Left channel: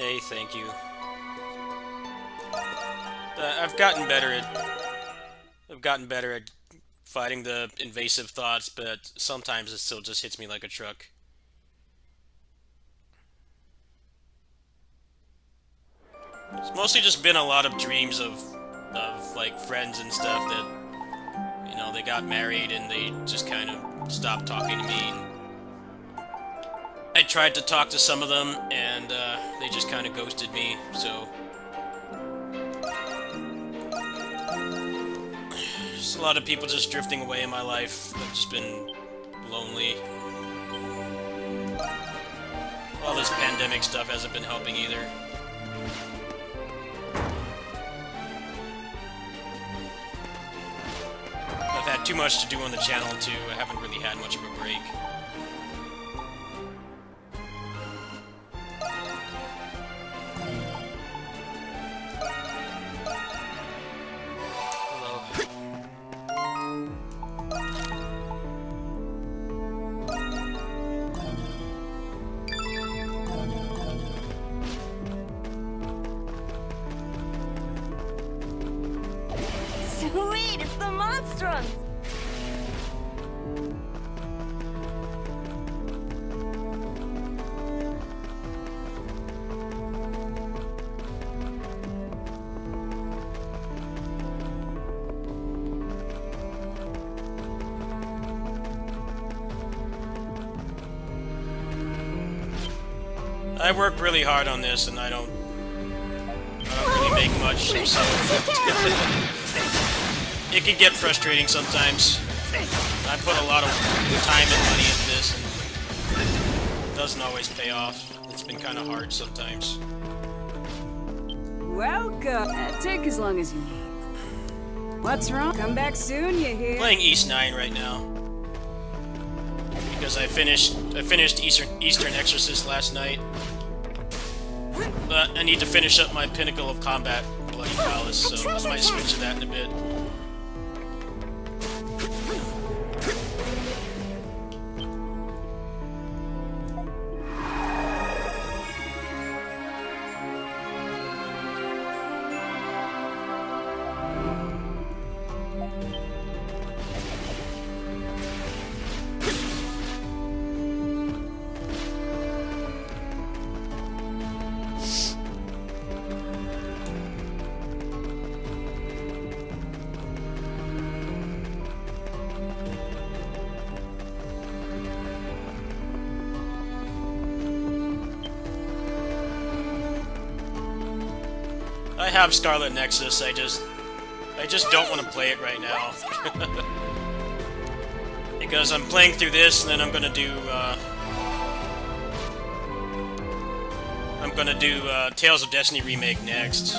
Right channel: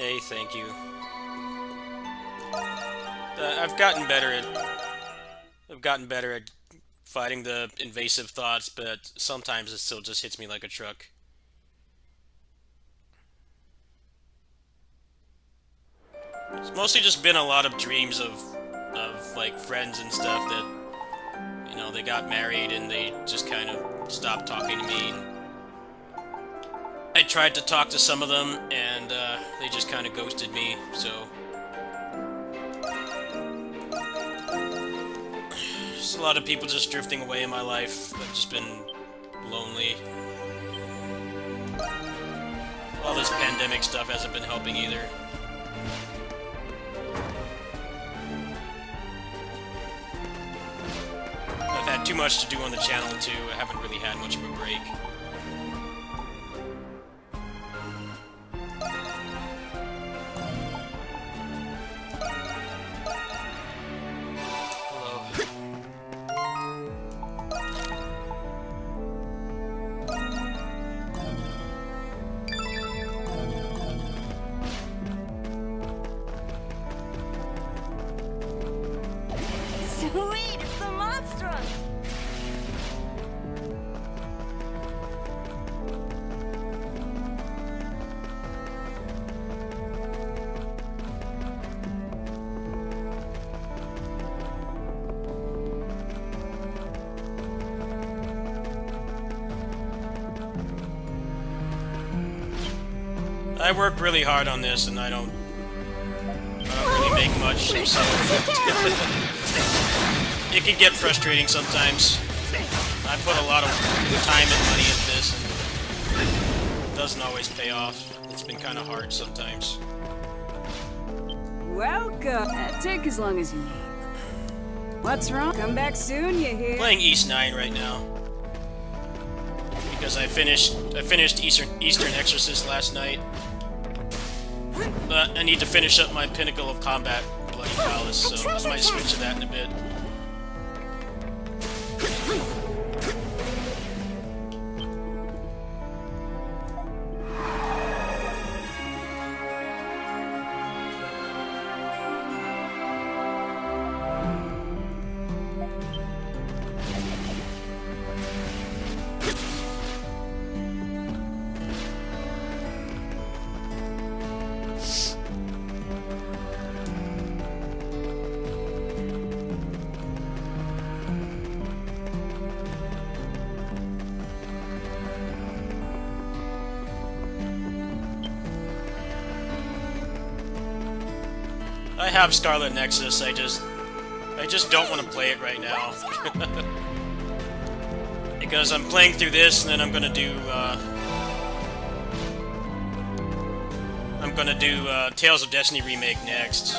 Hey, thank you. I've gotten better at fighting the invasive thoughts, but sometimes it still just hits me like a truck. It's mostly just been a lot of dreams of like friends and stuff that they got married and they just kind of stopped talking to me. And I tried to talk to some of them and they just kind of ghosted me. So just a lot of people just drifting away in my life. I've just been lonely. All this pandemic stuff hasn't been helping either. I've had too much to do on the channel too. I haven't really had much of a break. Hello. Sweet, it's the monstrous! I work really hard on this and I don't really make much, so it can get frustrating sometimes. I put a lot of time and money into this and it doesn't always pay off. It's been kind of hard sometimes. Welcome. Take as long as you need. What's wrong? Come back soon, you hear? Playing East 9 right now. Because I finished Eastern Exorcist last night. But I need to finish up my Pinnacle of Combat Bloody Palace, so I might switch to that in a bit. I have Scarlet Nexus, I just don't want to play it right now. Because I'm playing through this, and then I'm gonna do Tales of Destiny Remake next.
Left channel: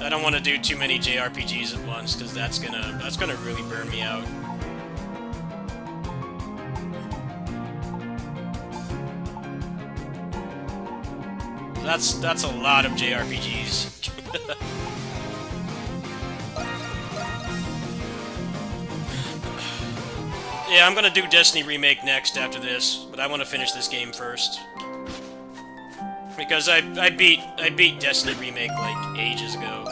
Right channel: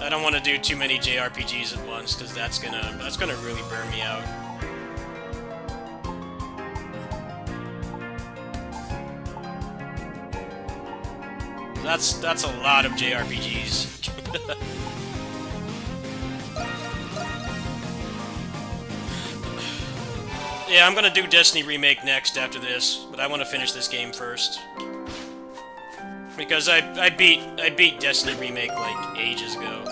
I don't want to do too many JRPGs at once, because that's gonna really burn me out. That's a lot of JRPGs. Yeah, I'm gonna do Destiny Remake next after this, but I want to finish this game first. Because I beat Destiny Remake like ages ago.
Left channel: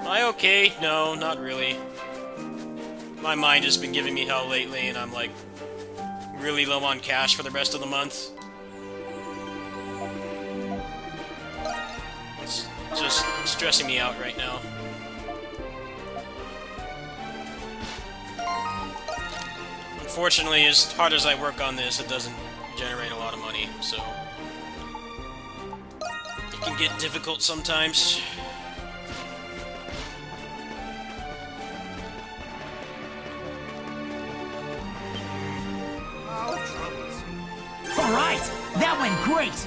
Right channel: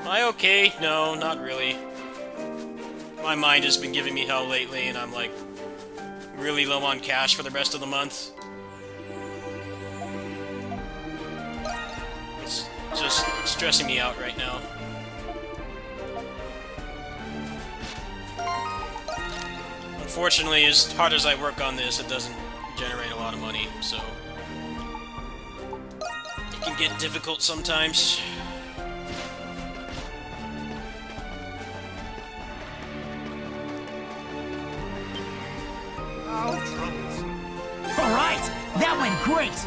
Am I okay? No, not really. My mind has been giving me hell lately, and I'm like really low on cash for the rest of the month. It's just stressing me out right now. Unfortunately, as hard as I work on this, it doesn't generate a lot of money, so it can get difficult sometimes. Oh, troubles. All right, that went great.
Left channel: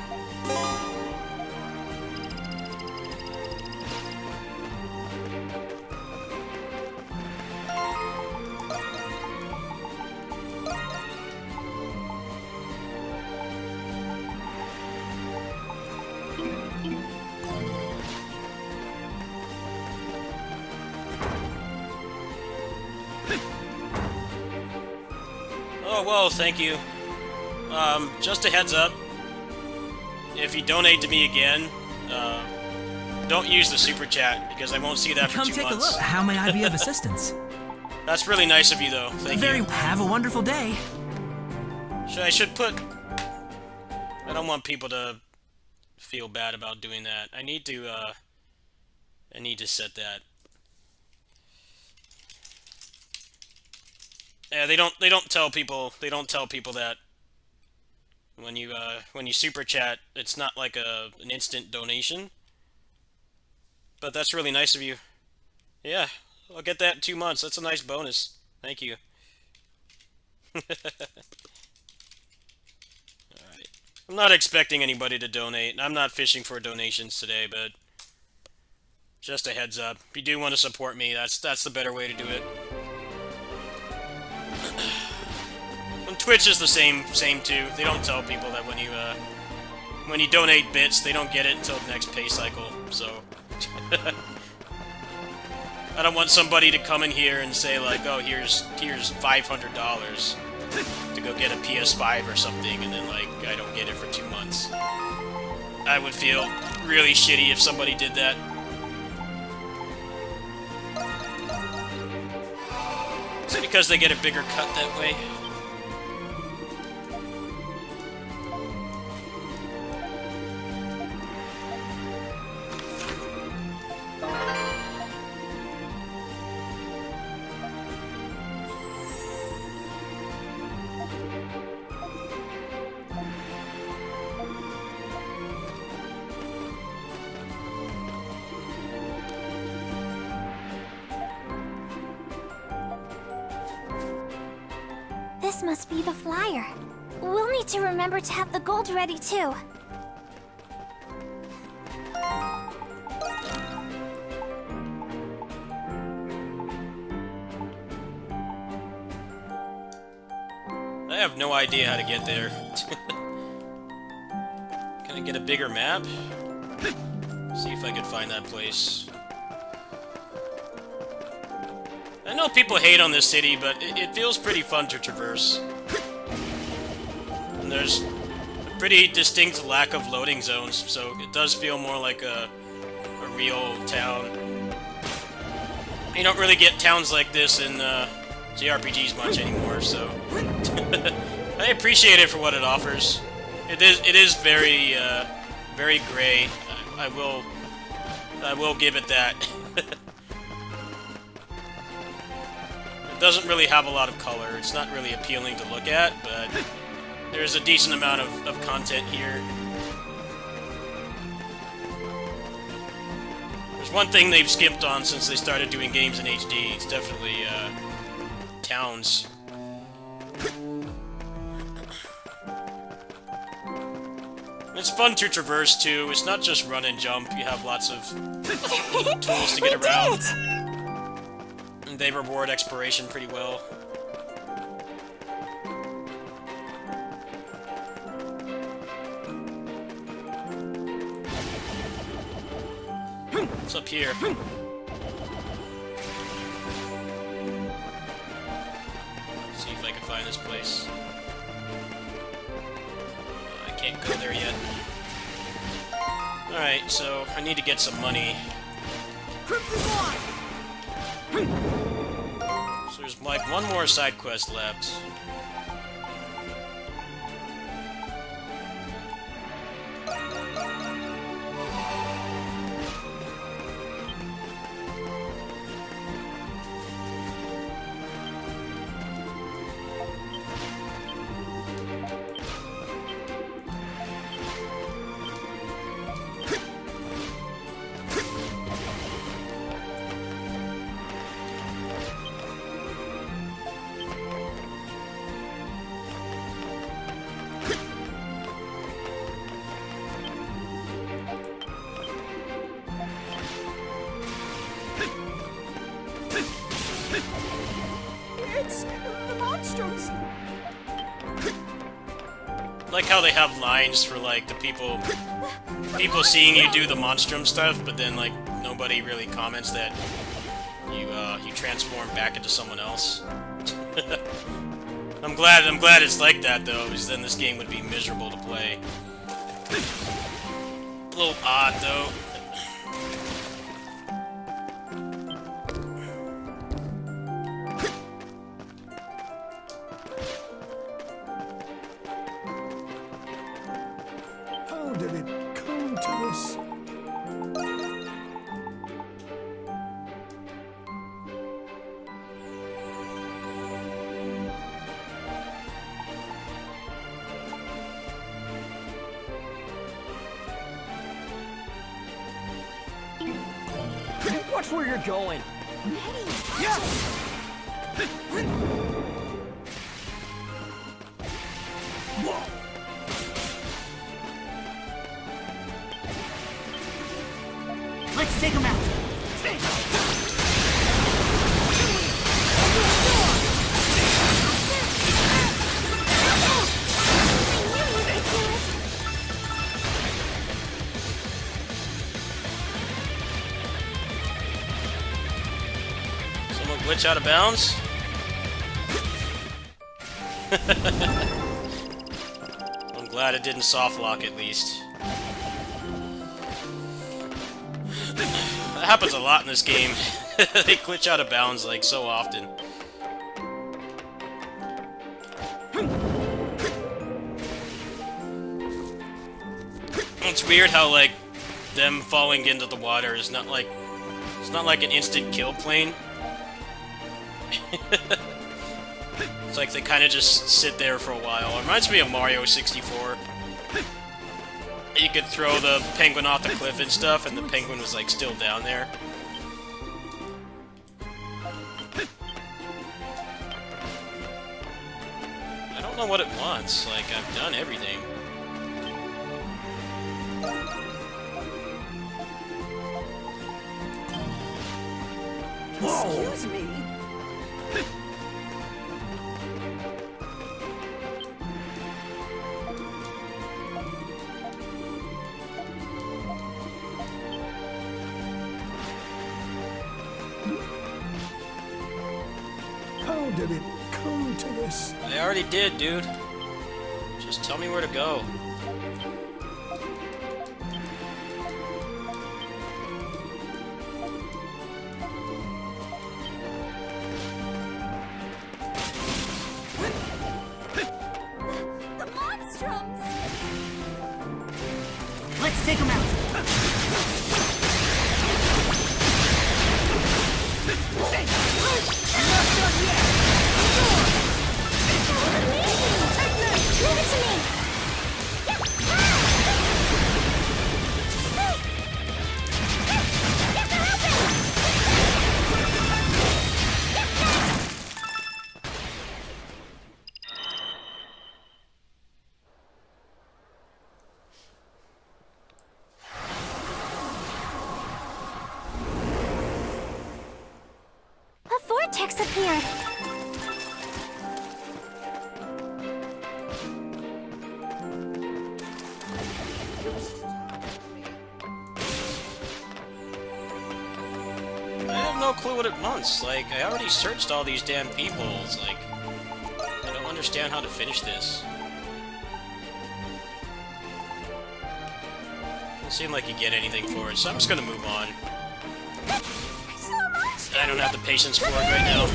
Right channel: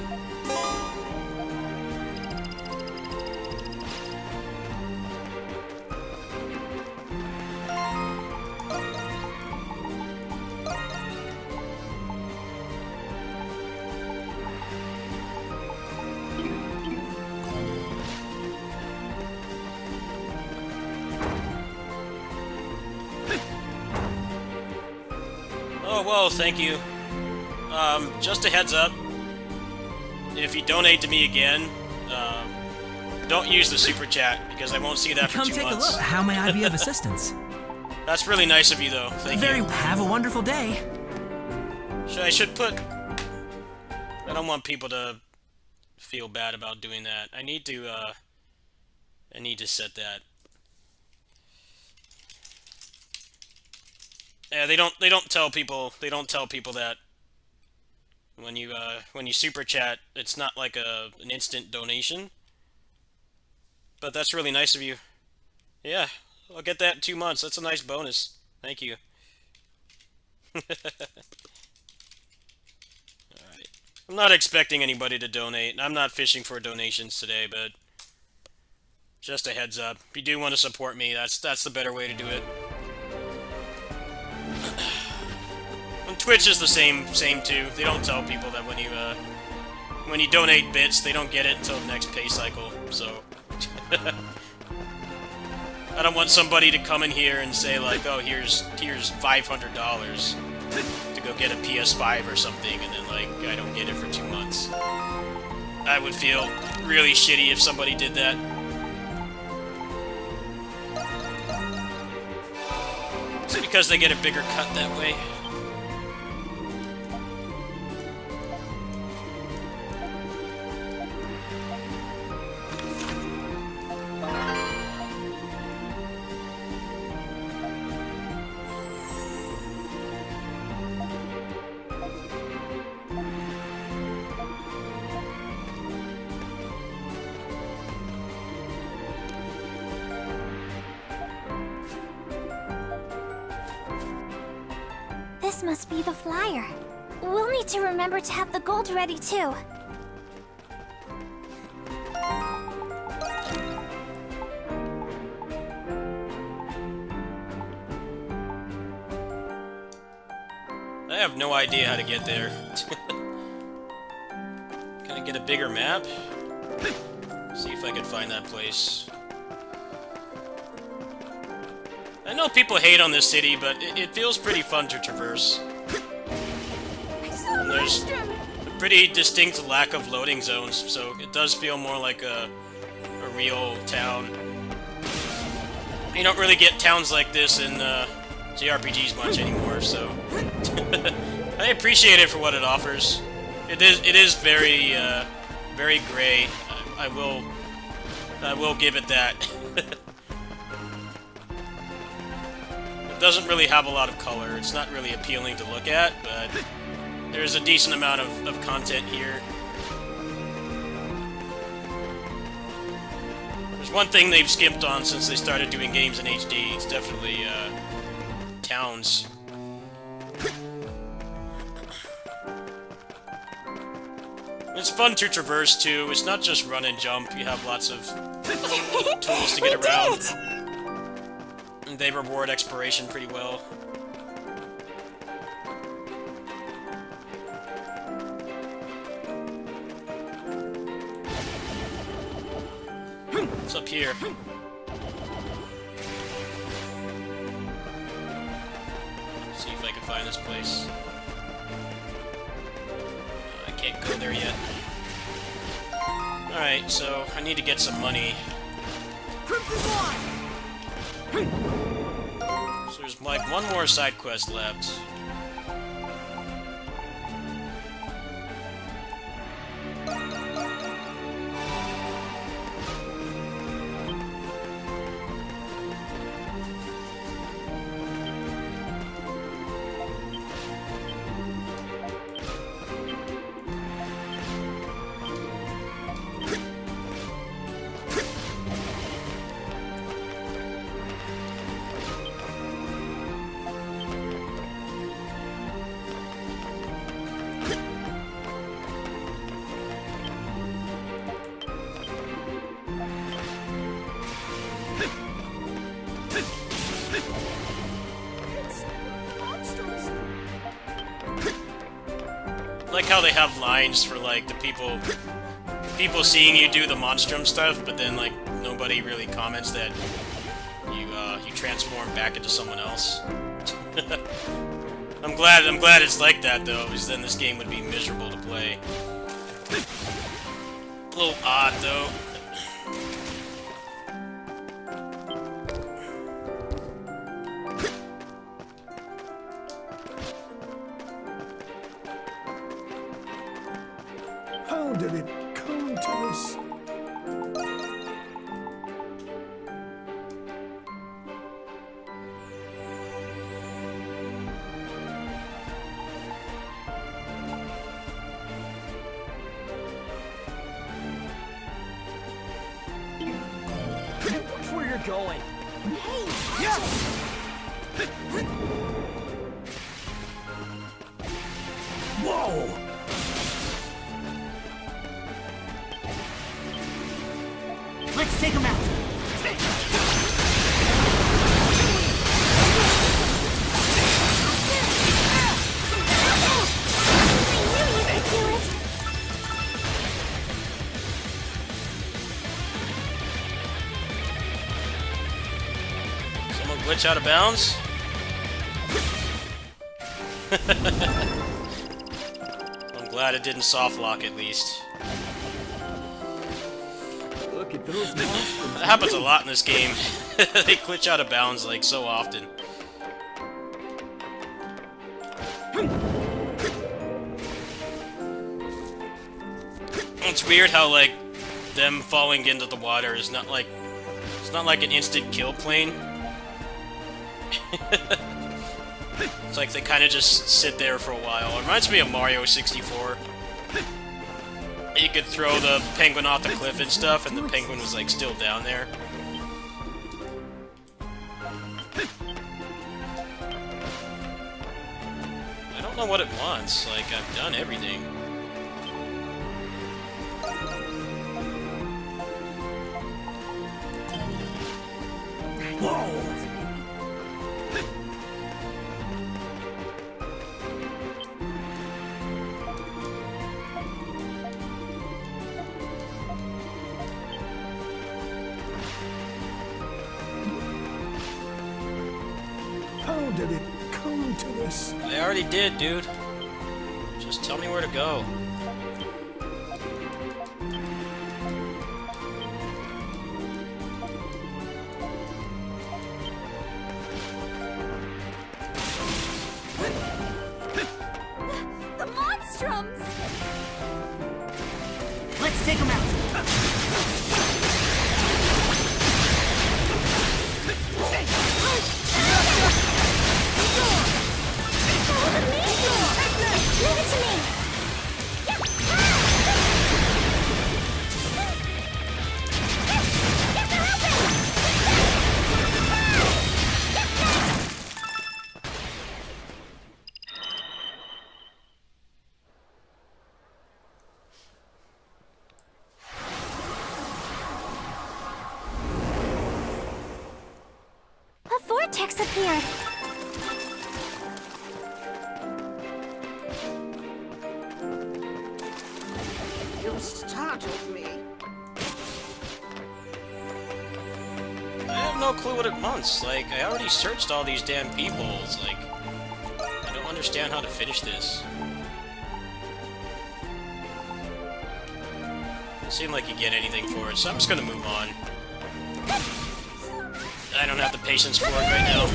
Oh, whoa, thank you. Just a heads up. If you donate to me again, don't use the super chat, because I won't see that for Come 2 take months. a look. How may I be of assistance? That's really nice of you, though. Thank you. Have a wonderful day. I should put... I don't want people to feel bad about doing that. I need to set that. Yeah, they don't tell people that when you super chat, it's not like an instant donation. But that's really nice of you. Yeah, I'll get that in 2 months. That's a nice bonus. Thank you. Alright. I'm not expecting anybody to donate. I'm not fishing for donations today, but just a heads up. If you do want to support me, that's the better way to do it. And Twitch is the same too. They don't tell people that when you donate bits, they don't get it until the next pay cycle. So I don't want somebody to come in here and say like, "Oh, here's $500 to go get a PS5 or something," and then like I don't get it for 2 months. I would feel really shitty if somebody did that. It's because they get a bigger cut that way. This must be the flyer. We'll need to remember to have the gold ready too. I have no idea how to get there. Can I get a bigger map? See if I can find that place. I know people hate on this city, but it feels pretty fun to traverse. And there's a pretty distinct lack of loading zones, so it does feel more like a real town. You don't really get towns like this in JRPGs much anymore, so I appreciate it for what it offers. It is very very gray. I will give it that. It doesn't really have a lot of color. It's not really appealing to look at, but there's a decent amount of content here. There's one thing they've skimped on since they started doing games in HD. It's definitely towns. It's fun to traverse too. It's not just run and jump. You have lots of tools to get around. And they reward exploration pretty well. What's up here? See if I can find this place. I can't go there yet. Alright, so I need to get some money. So there's like one more side quest left. Like how they have lines for like the people seeing you do the Monstrum stuff, but then like nobody really comments that you transform back into someone else. I'm glad it's like that though, because then this game would be miserable to play. A little odd though. How did it come to this? Watch where you're going. Whoa! Let's take him out. Someone glitch out of bounds? I'm glad it didn't soft lock at least. That happens a lot in this game. They glitch out of bounds like so often. It's weird how like them falling into the water is not like it's not like an instant kill plane. It's like they kind of just sit there for a while. It reminds me of Mario 64. You could throw the penguin off the cliff and stuff, and the penguin was like still down there. I don't know what it wants. Like, I've done everything. Whoa! How did it come to this? I already did, dude. Just tell me where to go. The Monstroms! Let's take him out. Leave it to me! A vortex appeared. You started me. I have no clue what it wants. Like, I already searched all these damn people. It's like, I don't understand how to finish this. Doesn't seem like you get anything for it, so I'm just gonna move on. I don't have the patience for it right now.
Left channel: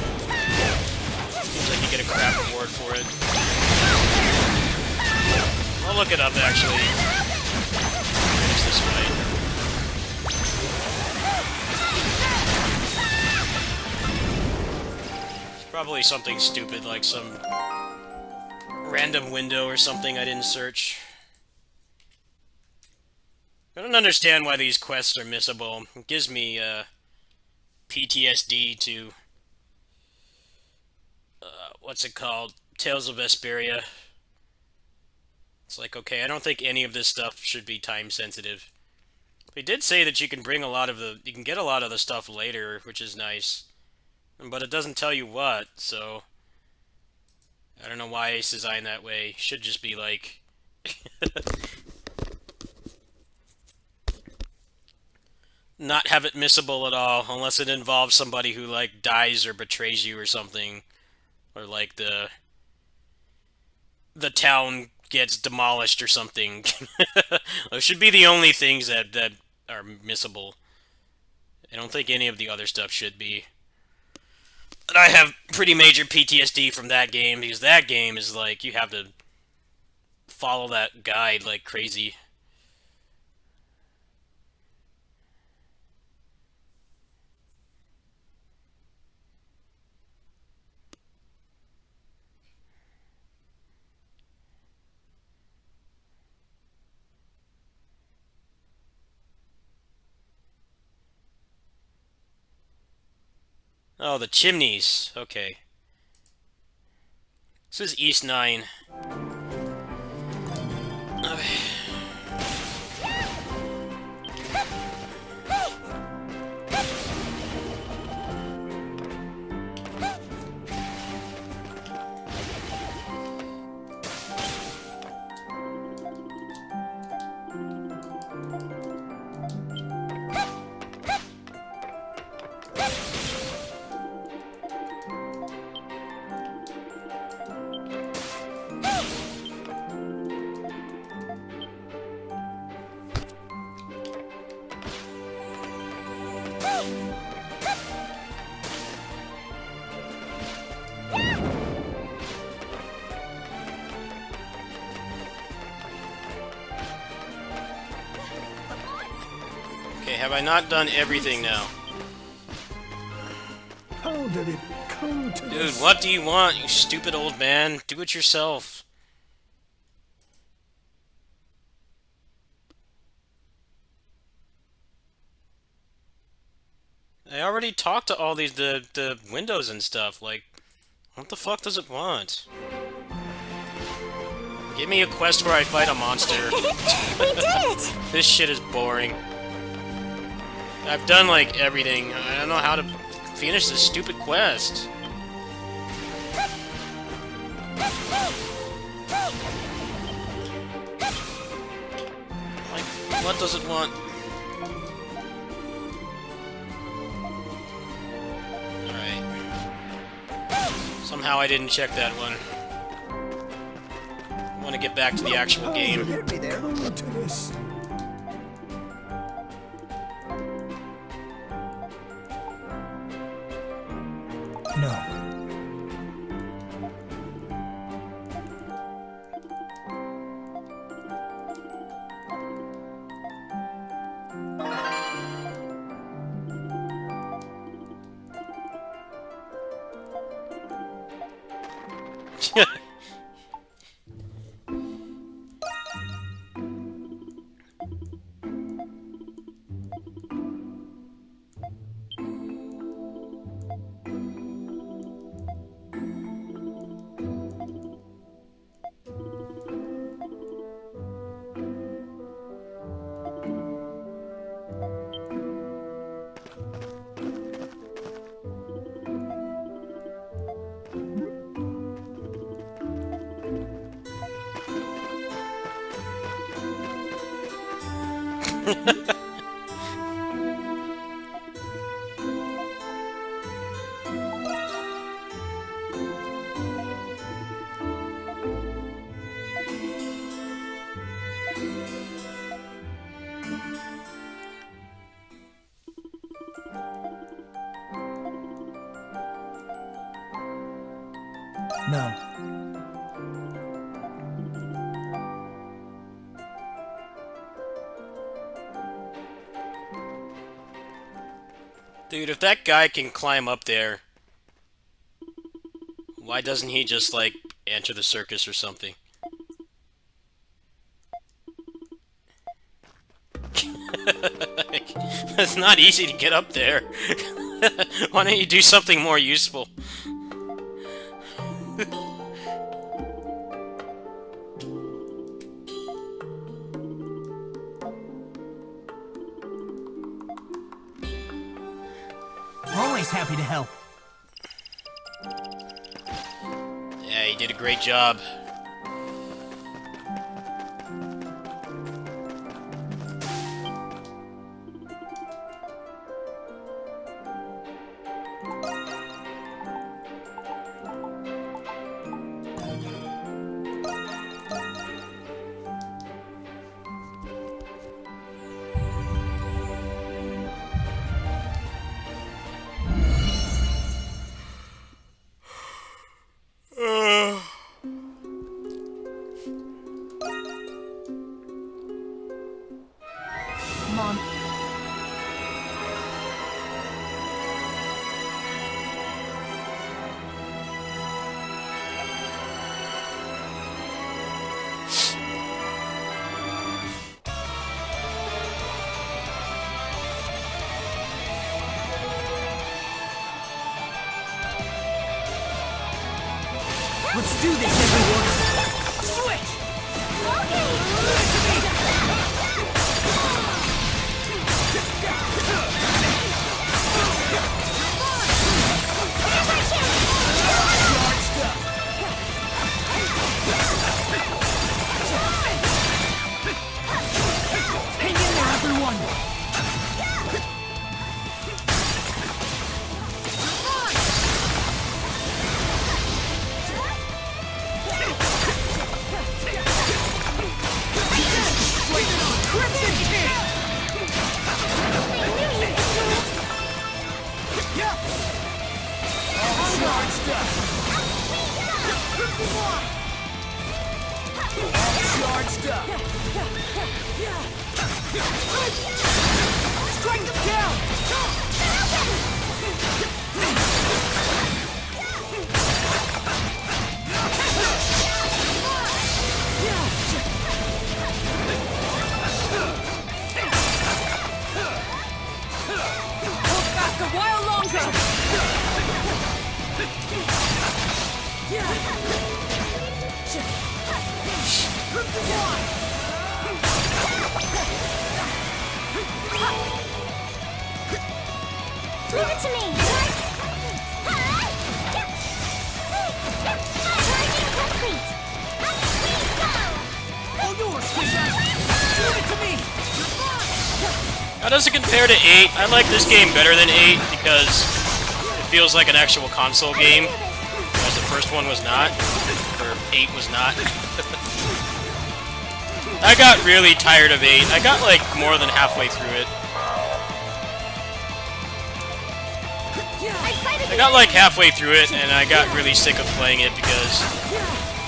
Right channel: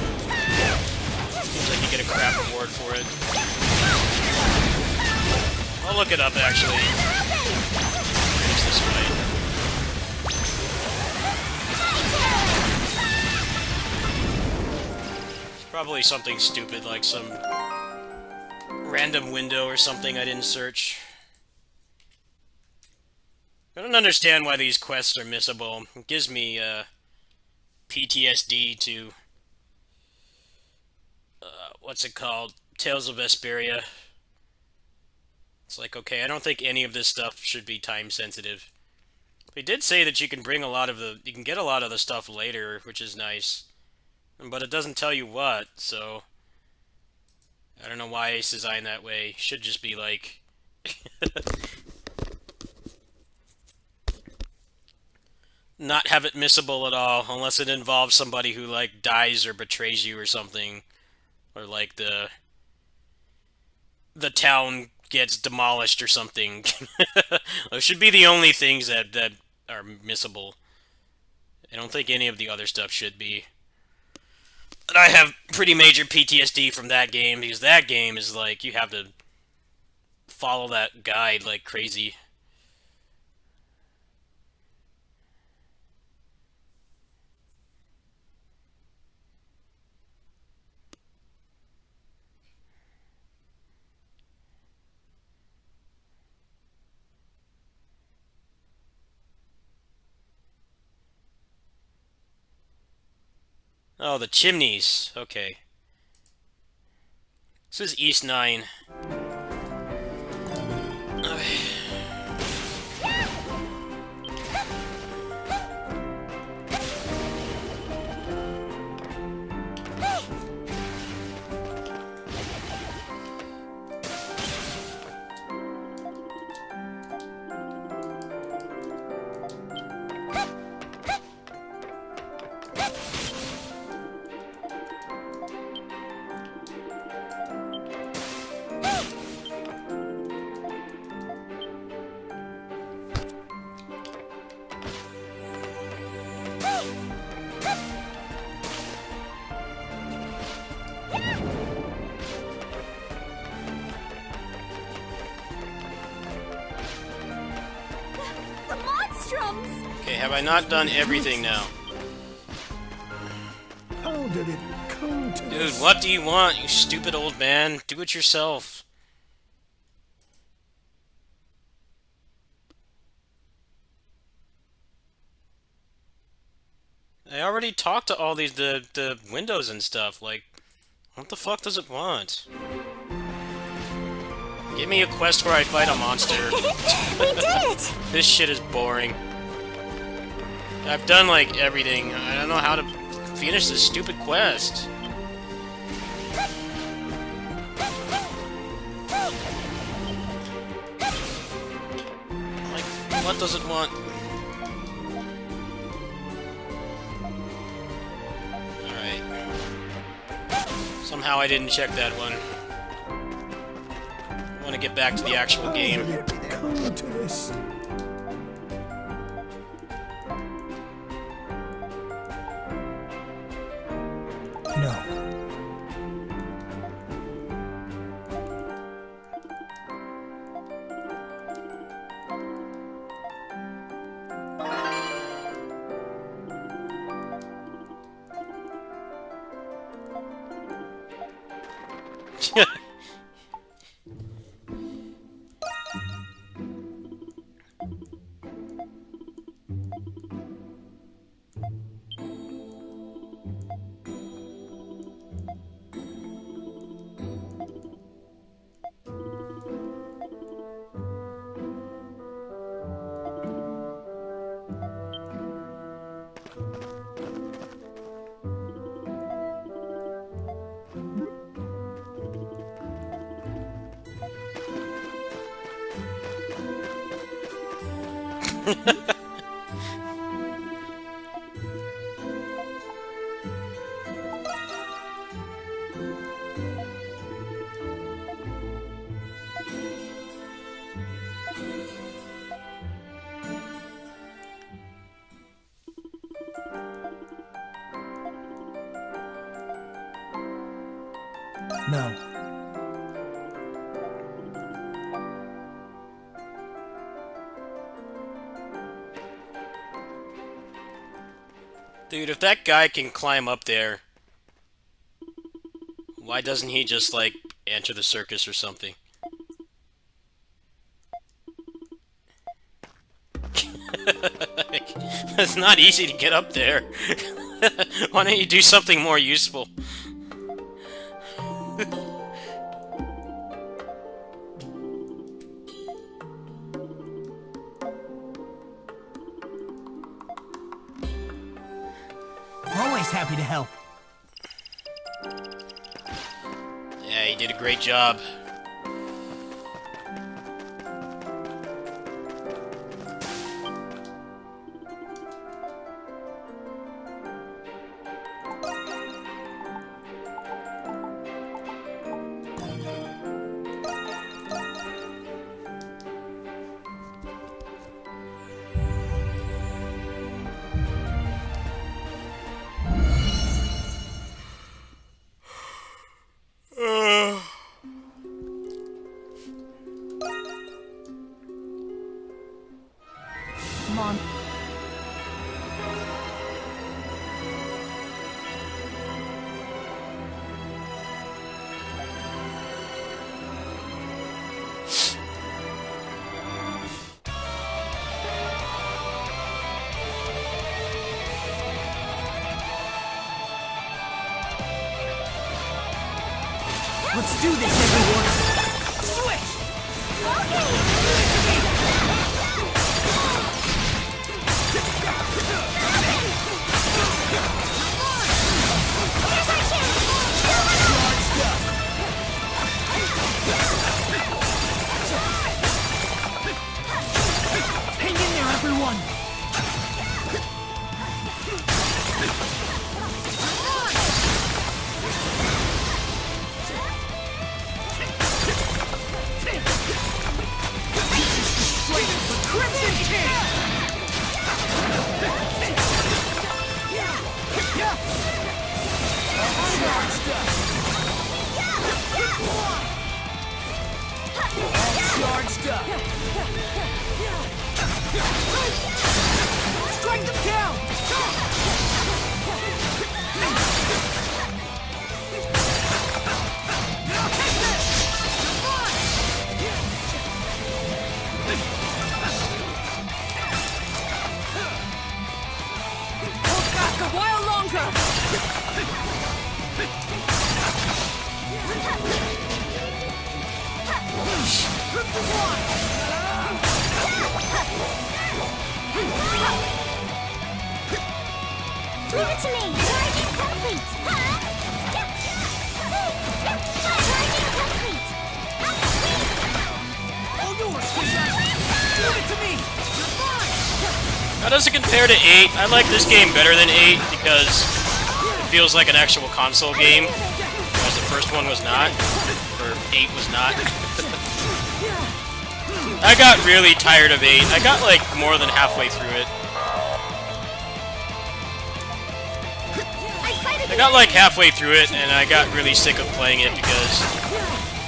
Seems like you get a crap reward for it. I'll look it up, actually. Finish this fight. It's probably something stupid, like some random window or something I didn't search. I don't understand why these quests are missable. It gives me, PTSD to what's it called? Tales of Vesperia. It's like, okay, I don't think any of this stuff should be time sensitive. They did say that you can bring a lot of you can get a lot of the stuff later, which is nice. But it doesn't tell you what, so I don't know why it's designed that way. It should just be like not have it missable at all, unless it involves somebody who, like, dies or betrays you or something. Or, like, the the town gets demolished or something. Those should be the only things that are missable. I don't think any of the other stuff should be. But I have pretty major PTSD from that game, because that game is like, you have to follow that guide like crazy. Oh, the chimneys. Okay. This is East 9. Okay. The monstrums! Okay, have I not done everything now? How did it come to Dude, this? what do you want, you stupid old man? Do it yourself. I already talked to all these, the windows and stuff, like, what the fuck does it want? Give me a quest where I fight a monster. We did it! This shit is boring. I've done, like, everything. I don't know how to finish this stupid quest. Like, what does it want? Alright. Somehow I didn't check that one. I want to get back to the actual How game. did it come to this? No. No. Dude, if that guy can climb up there, why doesn't he just, like, enter the circus or something? Like, it's not easy to get up there. Why don't you do something more useful? Always happy to help. Yeah, you did a great job. Let's do this, everyone! Hang in there, everyone! Crimson King! Charged up! Charged up! Strike them down! Hold back a while longer! Leave it to me! Charging complete! Charging complete! All yours, Kisha! Leave it to me! How does it compare to 8? I like this game better than 8 because it feels like an actual console game, whereas the first one was not, or 8 was not. I got really tired of 8. I got like more than halfway through it. I got like halfway through it and I got really sick of playing it because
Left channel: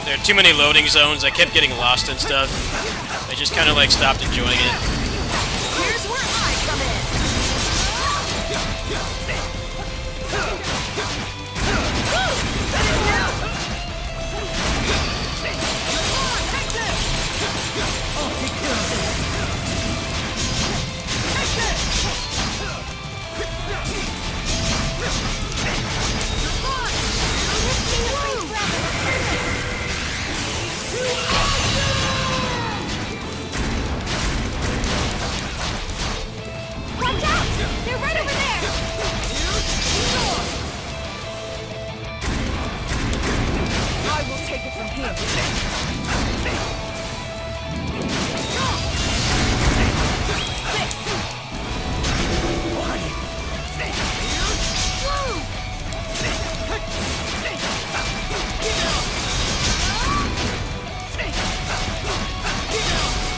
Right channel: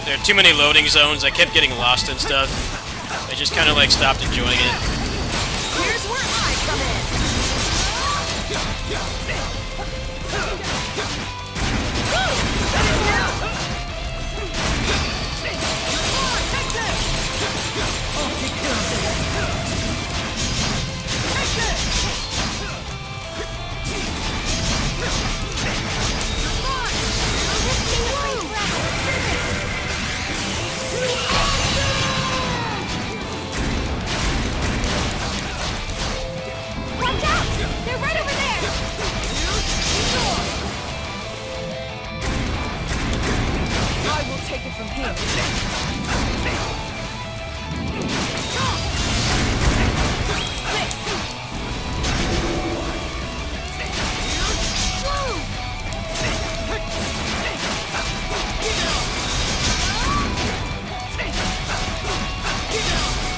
there are too many loading zones. I kept getting lost and stuff. I just kind of like stopped enjoying it. Here's where I come in. I'll take care of this! Watch out! They're right over there! I will take it from here.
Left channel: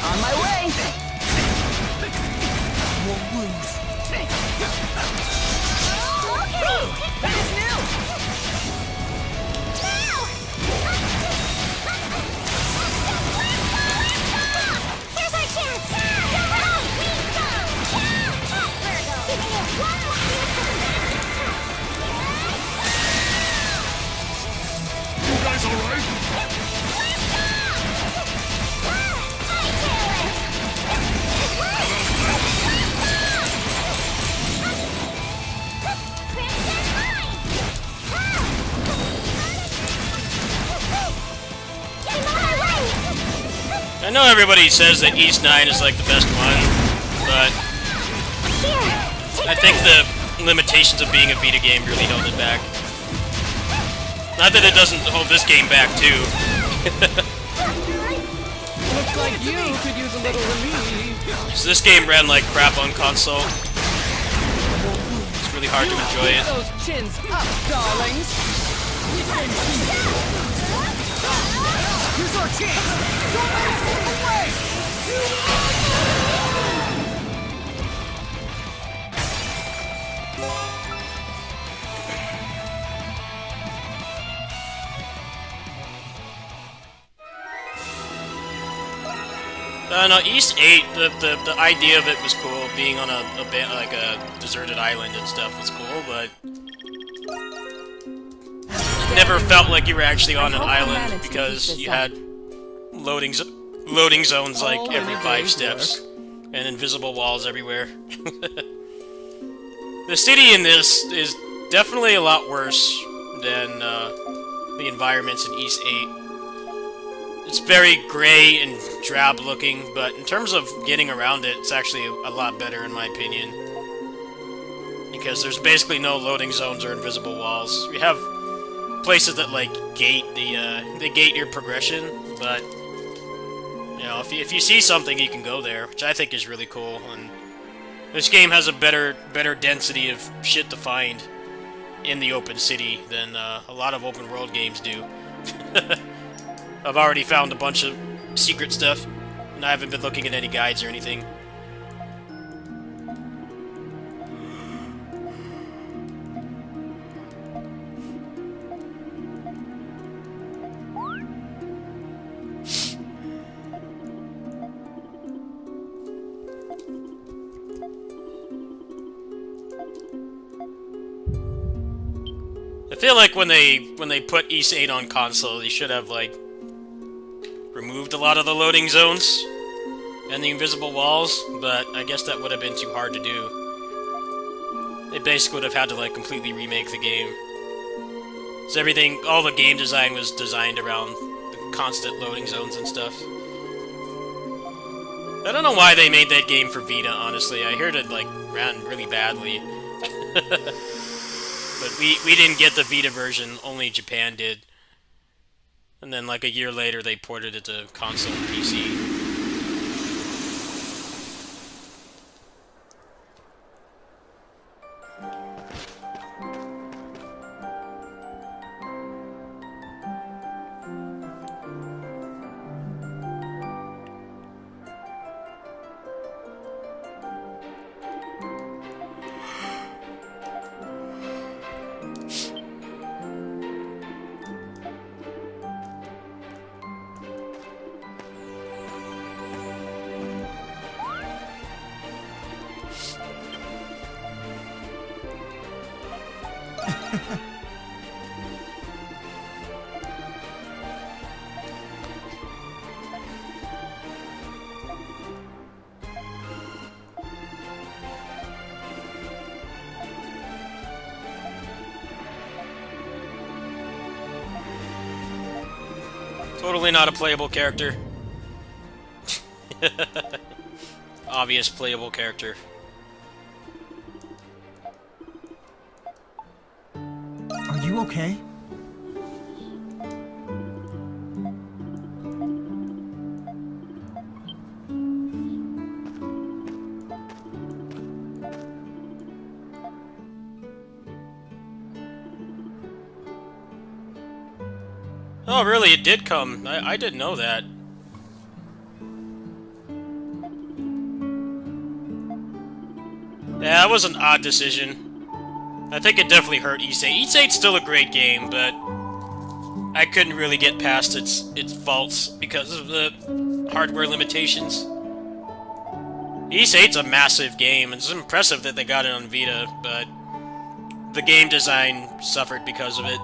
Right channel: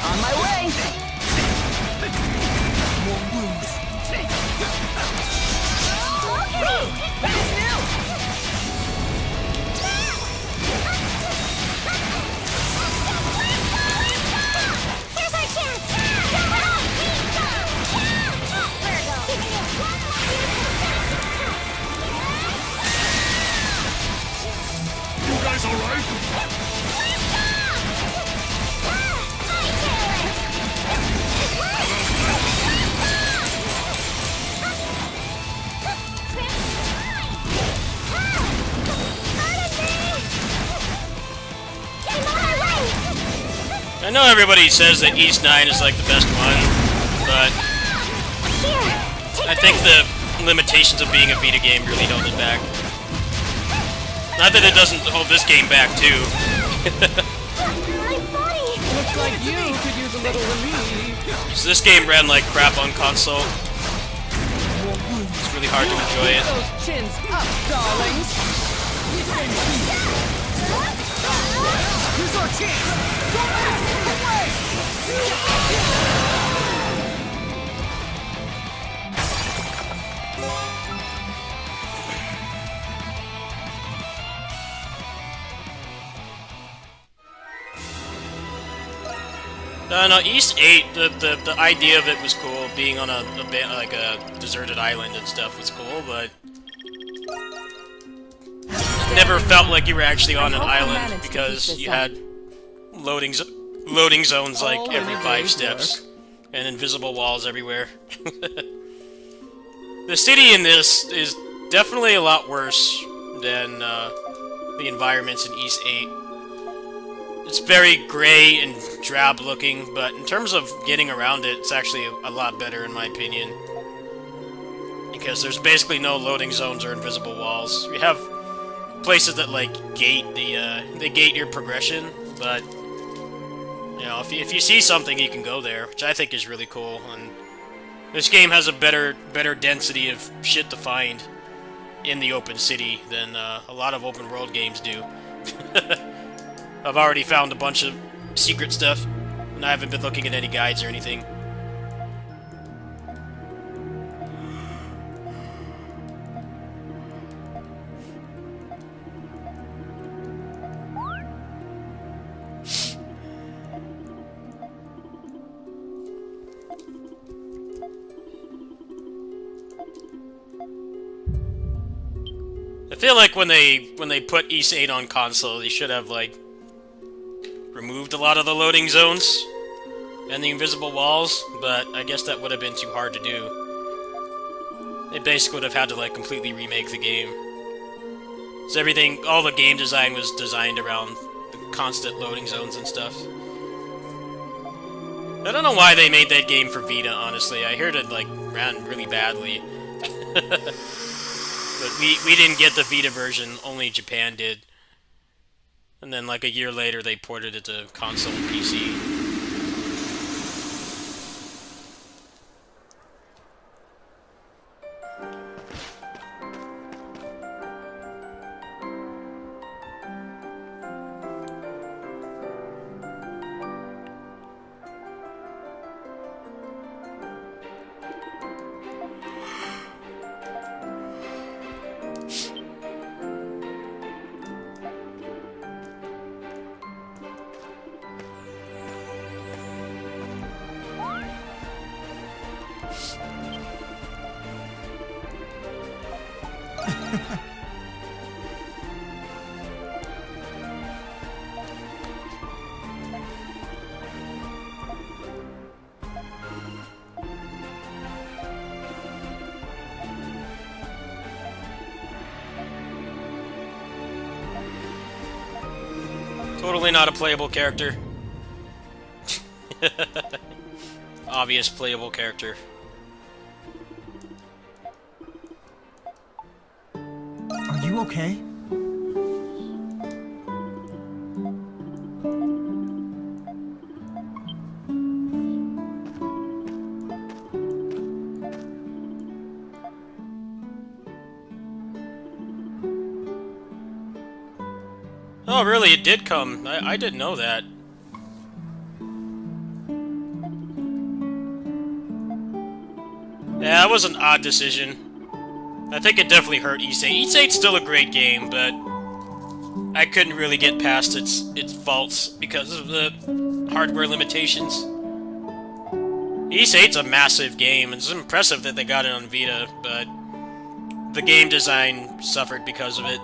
On my way! Won't lose! Here's our chance! Don't run! Virgo, giving you one more year for the finishing touch! You guys alright? I know everybody says that East 9 is like the best one, but I think the limitations of being a Vita game really held it back. Not that it doesn't hold this game back, too. Looks like you could use a little relief. So this game ran like crap on console. It's really hard to enjoy it. Those chins up, darlings. Here's our chance! Don't let it slip away! No, East 8, the idea of it was cool, being on a deserted island and stuff was cool, but it never felt like you were actually on an island because you had loading zones like every 5 steps and invisible walls everywhere. The city in this is definitely a lot worse than the environments in East 8. It's very gray and drab looking, but in terms of getting around it, it's actually a lot better in my opinion. Because there's basically no loading zones or invisible walls. You have places that like gate they gate your progression, but you know, if you see something, you can go there, which I think is really cool. And this game has a better density of shit to find in the open city than a lot of open world games do. I've already found a bunch of secret stuff, and I haven't been looking at any guides or anything. I feel like when they put Ys 8 on console, they should have like removed a lot of the loading zones and the invisible walls, but I guess that would have been too hard to do. They basically would have had to like completely remake the game. So everything, all the game design was designed around the constant loading zones and stuff. I don't know why they made that game for Vita, honestly. I heard it like ran really badly. But we didn't get the Vita version, only Japan did. And then like a year later they ported it to console and PC. Totally not a playable character. Obvious playable character. Are you okay? Oh, really? It did come. I didn't know that. Yeah, that was an odd decision. I think it definitely hurt Ys 8. Ys 8's still a great game, but I couldn't really get past its faults because of the hardware limitations. Ys 8's a massive game, and it's impressive that they got it on Vita, but the game design suffered because of it.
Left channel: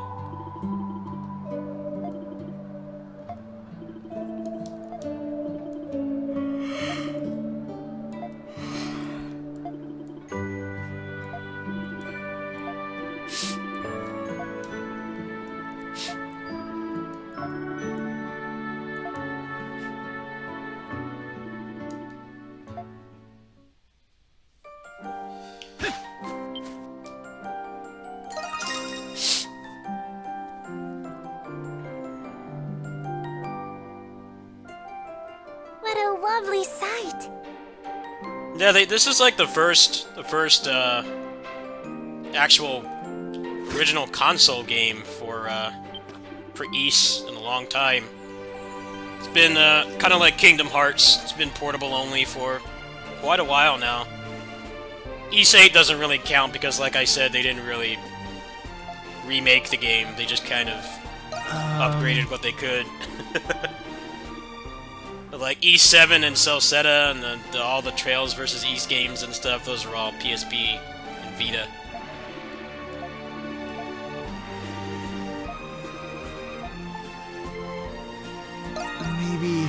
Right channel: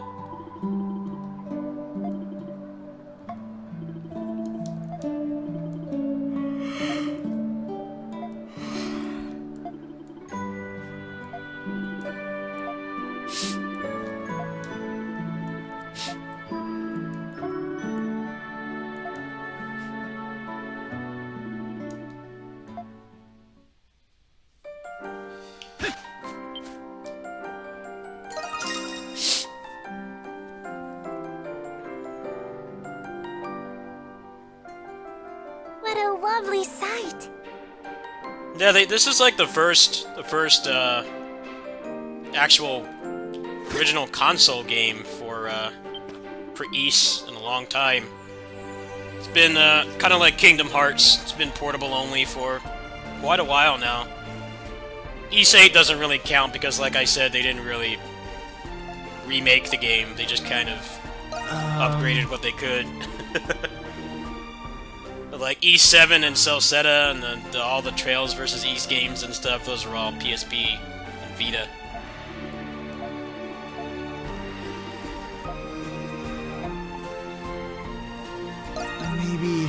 What a lovely sight. Yeah, this is like the first actual original console game for Ys in a long time. It's been kind of like Kingdom Hearts. It's been portable only for quite a while now. Ys 8 doesn't really count because, like I said, they didn't really remake the game. They just kind of upgraded what they could. Like Ys 7 and Celceta and all the Trails vs. Ys games and stuff, those are all PSP and Vita. Maybe...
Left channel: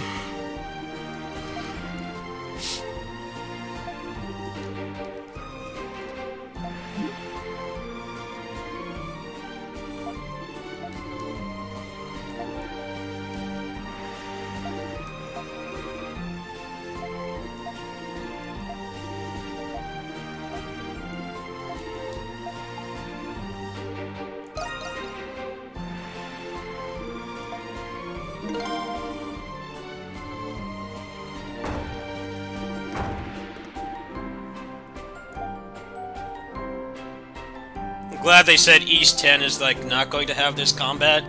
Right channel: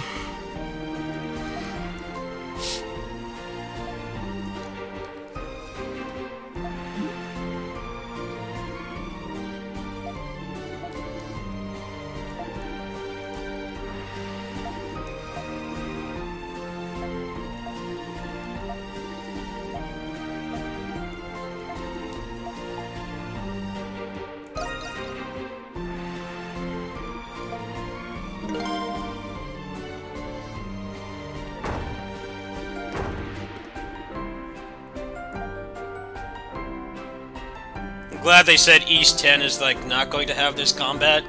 I'm glad they said East 10 is like not going to have this combat.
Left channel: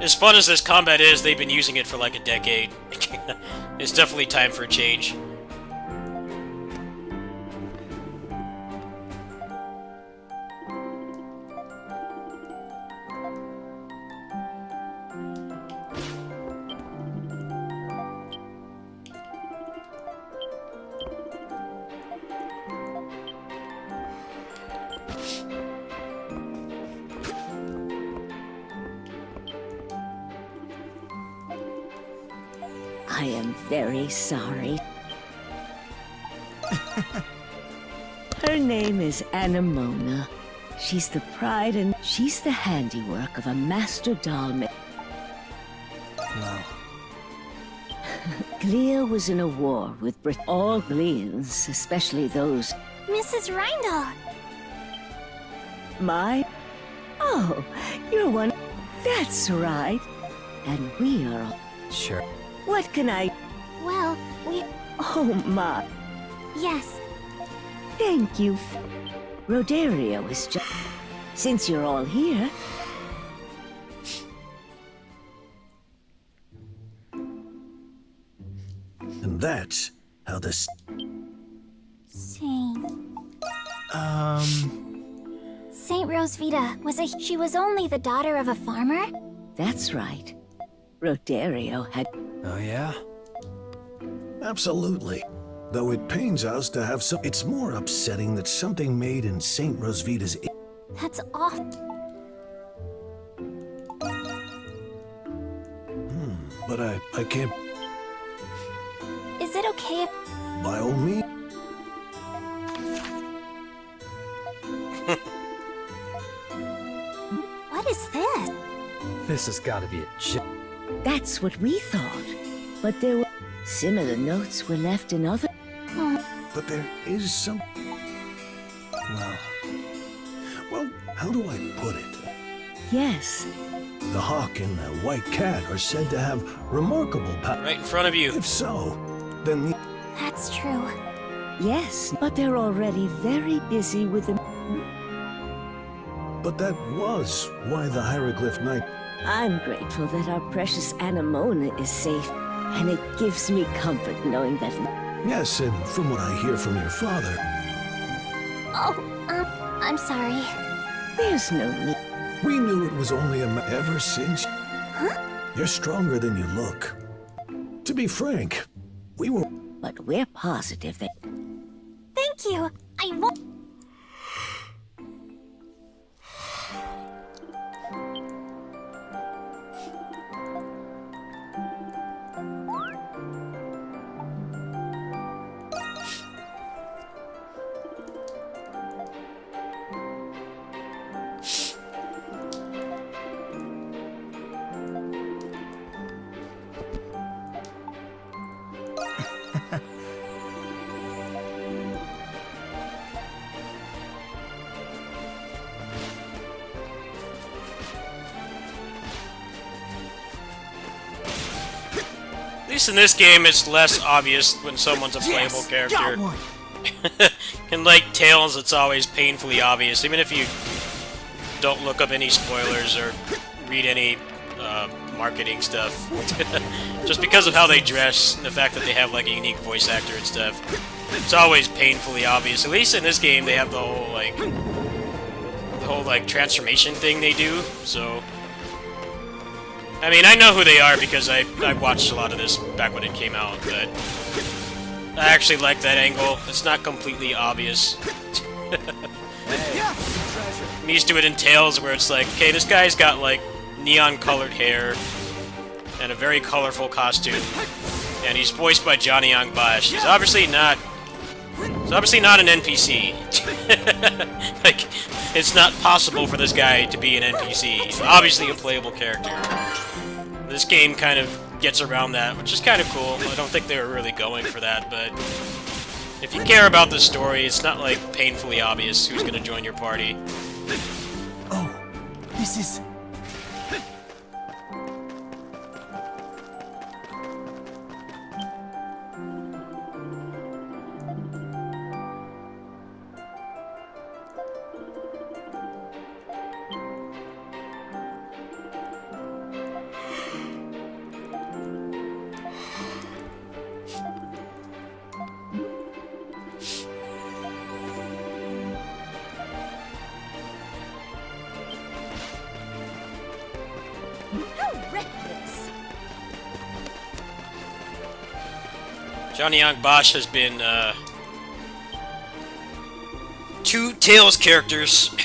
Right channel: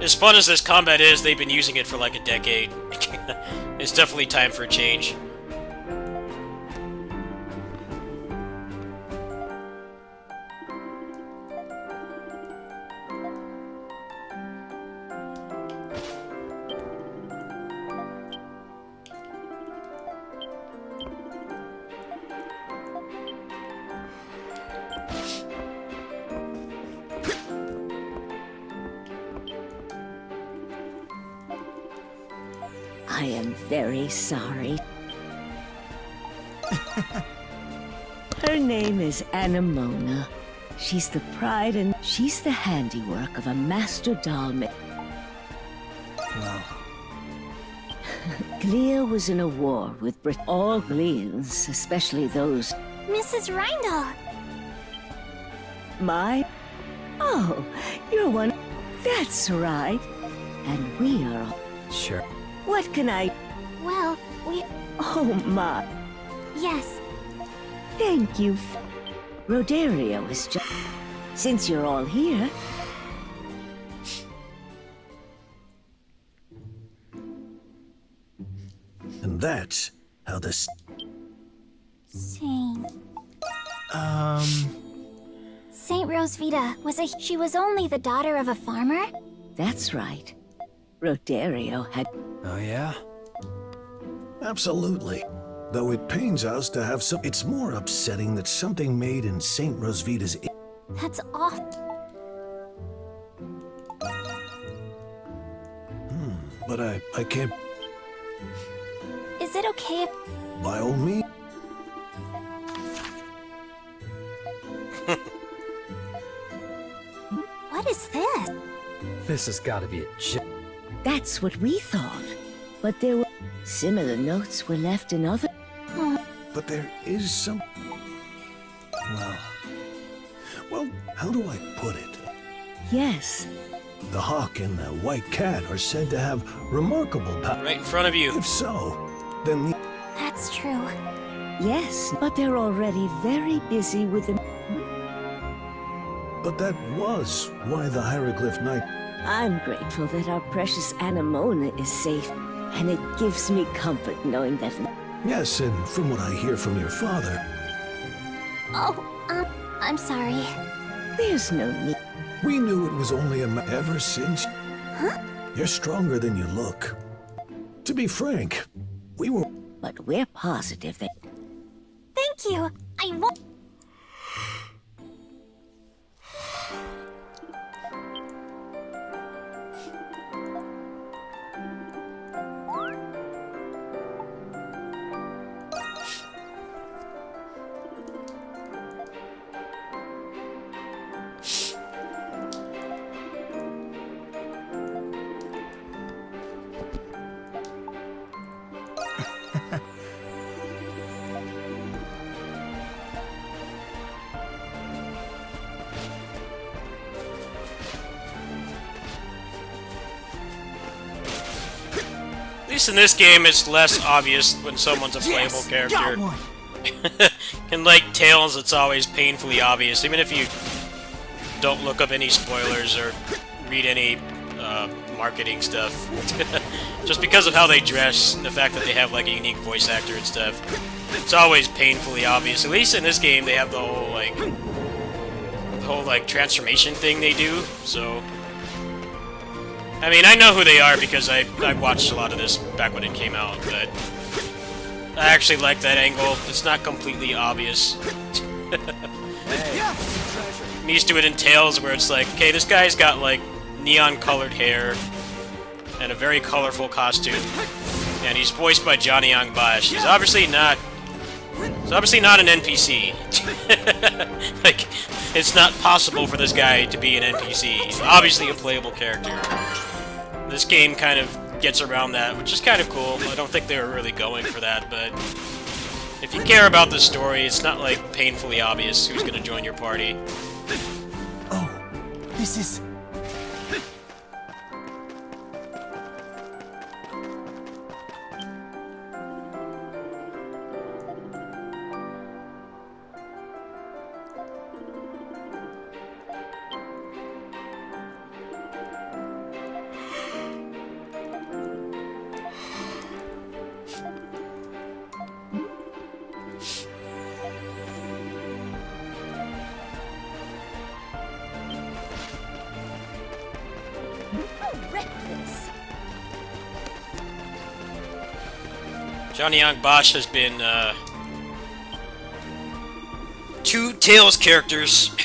As fun as this combat is, they've been using it for like a decade. It's definitely time for a change. I am very sorry. Her name is Anemona. She's the pride and she's the handiwork of a master doll maker. Well, Glia was in a war with all Glians, especially those. Mrs. Rindal! My? Oh, you're one. That's right. And we are all. sure. What can I? Well, we... Oh, my. Yes. Thank you. Rodario is just. Since you're all here. And that's how this. Saint... Um, Saint Rosvita she was only the daughter of a farmer? That's right. Rodario had. oh yeah? Absolutely. Though it pains us to have some. It's more upsetting that something made in St. Rosvita's. That's awful. But I can't. Is it okay if... By all means. What is this? This has got to be a joke. That's what we thought. But there were. Similar notes were left in other. But there is some. Well, how do I put it? Yes. The hawk and the white cat are said to have remarkable power. Right in front of you. If so, then. That's true. Yes, but they're already very busy with the. But that was why the hieroglyph knight. I'm grateful that our precious Anemona is safe, and it gives me comfort knowing that. Yes, and from what I hear from your father. Oh, I'm sorry. There's no need. We knew it was only ever since. Huh? You're stronger than you look. To be frank, we were. But we're positive that. Thank you. I won't... At least in this game, it's less obvious when someone's a playable Yes! character. Got one! In like Tales, it's always painfully obvious, even if you don't look up any spoilers or read any marketing stuff. Just because of how they dress and the fact that they have like a unique voice actor and stuff, it's always painfully obvious. At least in this game, they have the whole like transformation thing they do. So, I mean, I know who they are because I watched a lot of this back when it came out, but I actually like that angle. It's not completely obvious. I'm used to it in Tales where it's like, okay, this guy's got like neon-colored hair and a very colorful costume, and he's voiced by Johnny Young Bosch. He's obviously not an NPC. Like, it's not possible for this guy to be an NPC. He's obviously a playable character. This game kind of gets around that, which is kind of cool. I don't think they were really going for that, but if you care about the story, it's not like painfully obvious who's gonna join your party. Oh, this is... Johnny Young Bosch has been, 2 Tails characters.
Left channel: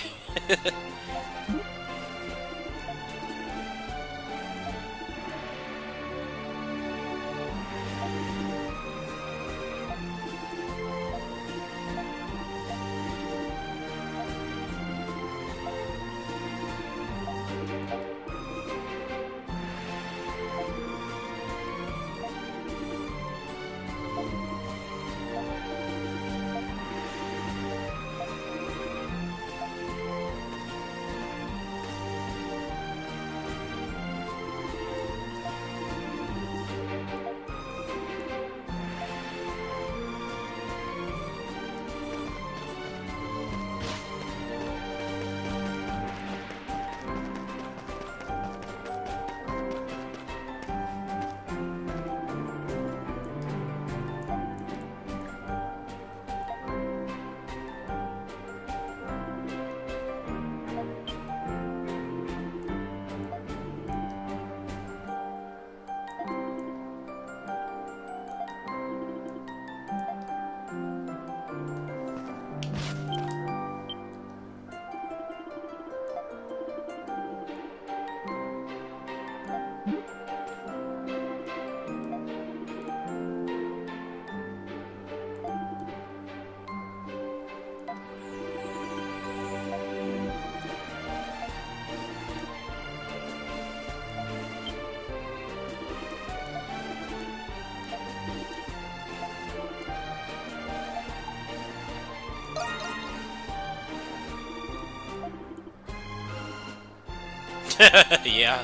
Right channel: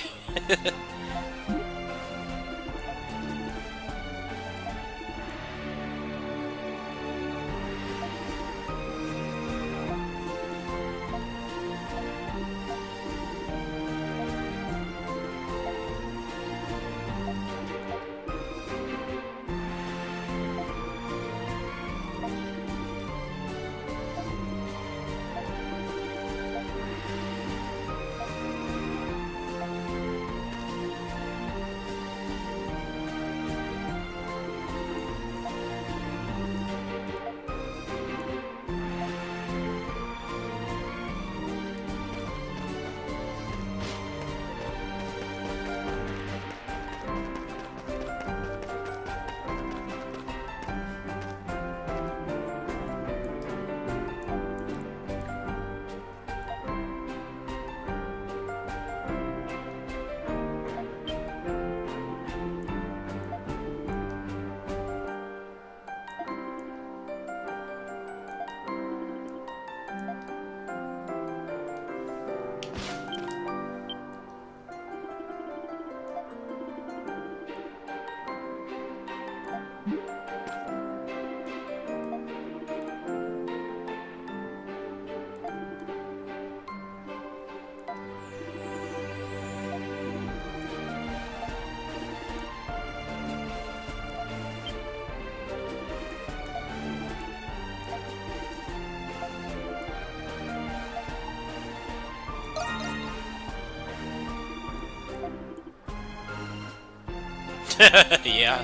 Yeah.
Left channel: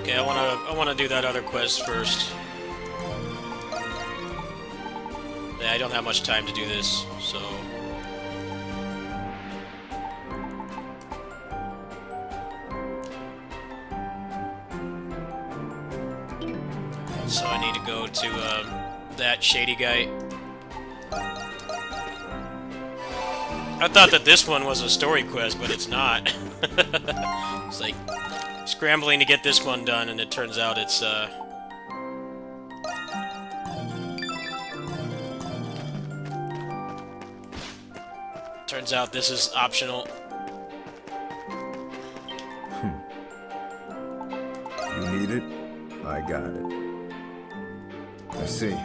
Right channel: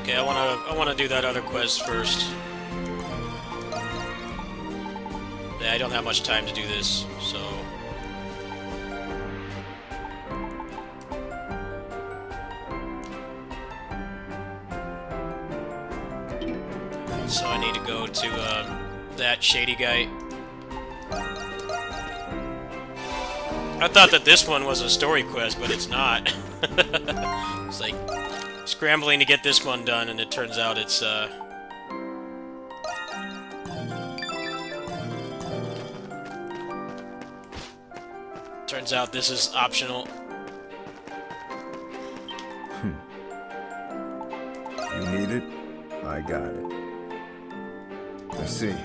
Okay, I wanna do that other quest first. Yeah, I don't have much time to do this, so. So I need to go to that shady guy. I thought that this one was a story quest, but it's not. It's like scrambling to get this one done, and it turns out it's turns out this is optional. You need it? I got it. Let's see.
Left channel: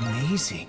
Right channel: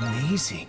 Amazing.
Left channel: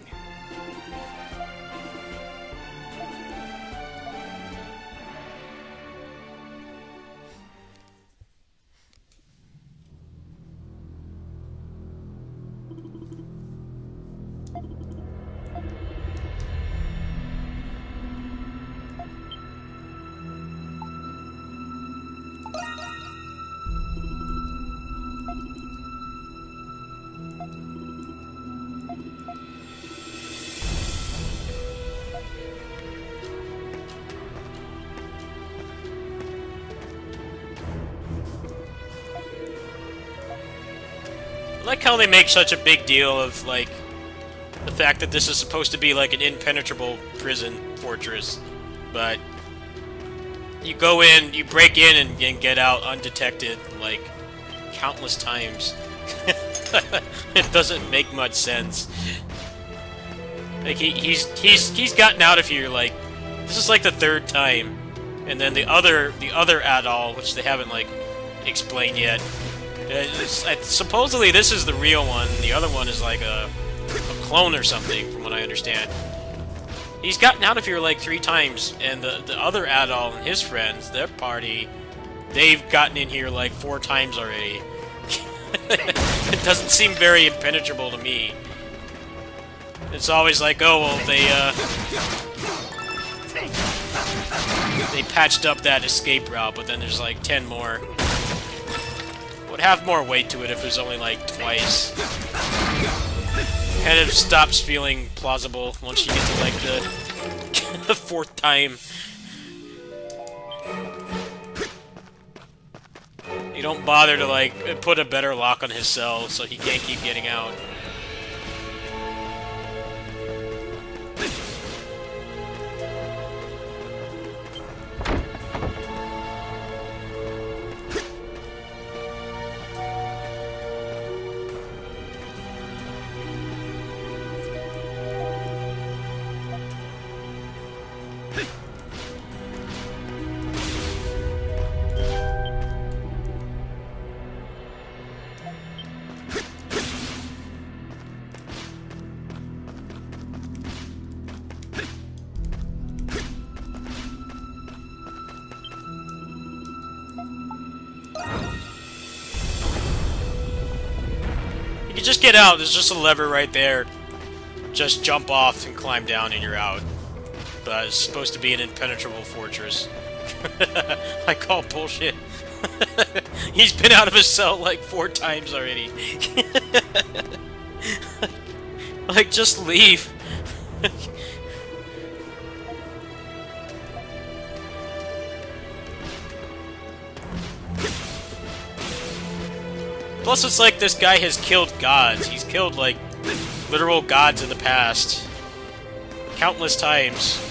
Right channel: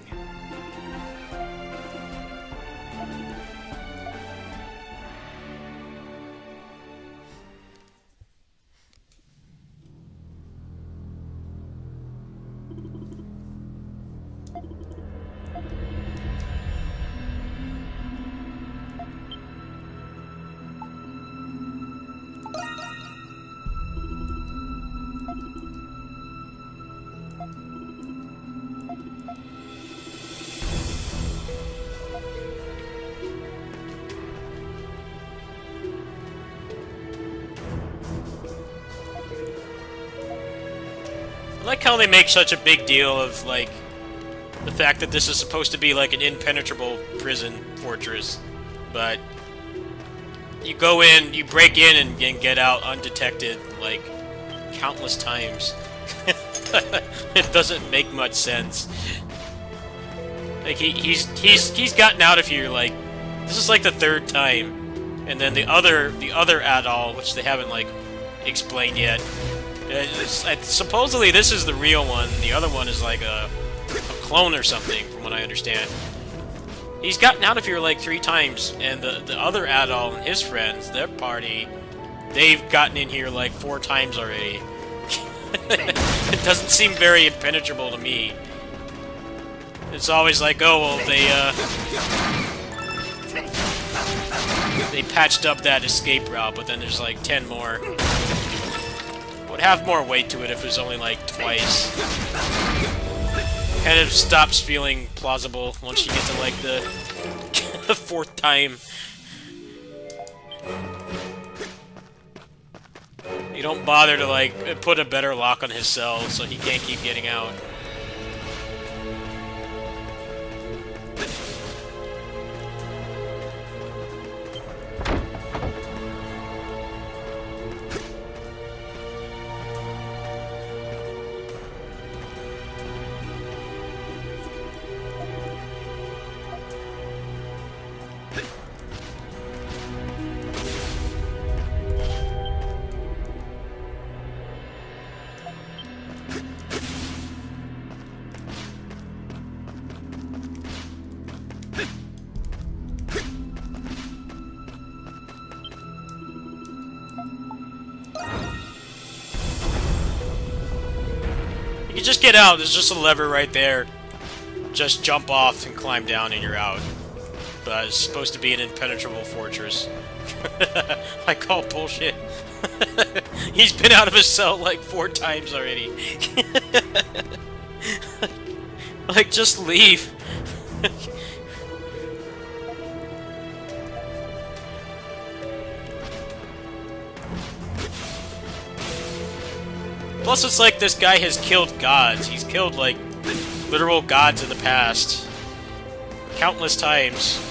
I like how they make such a big deal of, like, the fact that this is supposed to be, like, an impenetrable prison fortress, but you go in, you break in and get out undetected, like, countless times. It doesn't make much sense. Like, he's gotten out of here, like, this is, like, the 3rd time, and then the other Adol, which they haven't, like, explained yet. Supposedly this is the real one. The other one is like a clone or something, from what I understand. He's gotten out of here like 3 times, and the other Adol and his friends, their party, they've gotten in here like 4 times already. It doesn't seem very impenetrable to me. It's always like, oh, well, they patched up that escape route, but then there's like 10 more. Would have more weight to it if it was only like twice. Kind of stops feeling plausible once you get to like the 4th time. You don't bother to like put a better lock on his cell so he can't keep getting out. You can just get out. There's just a lever right there. Just jump off and climb down and you're out. But it's supposed to be an impenetrable fortress. I call bullshit. He's been out of his cell like 4 times already. Like, just leave. Plus, it's like this guy has killed gods. He's killed, like, literal gods in the past. Countless times.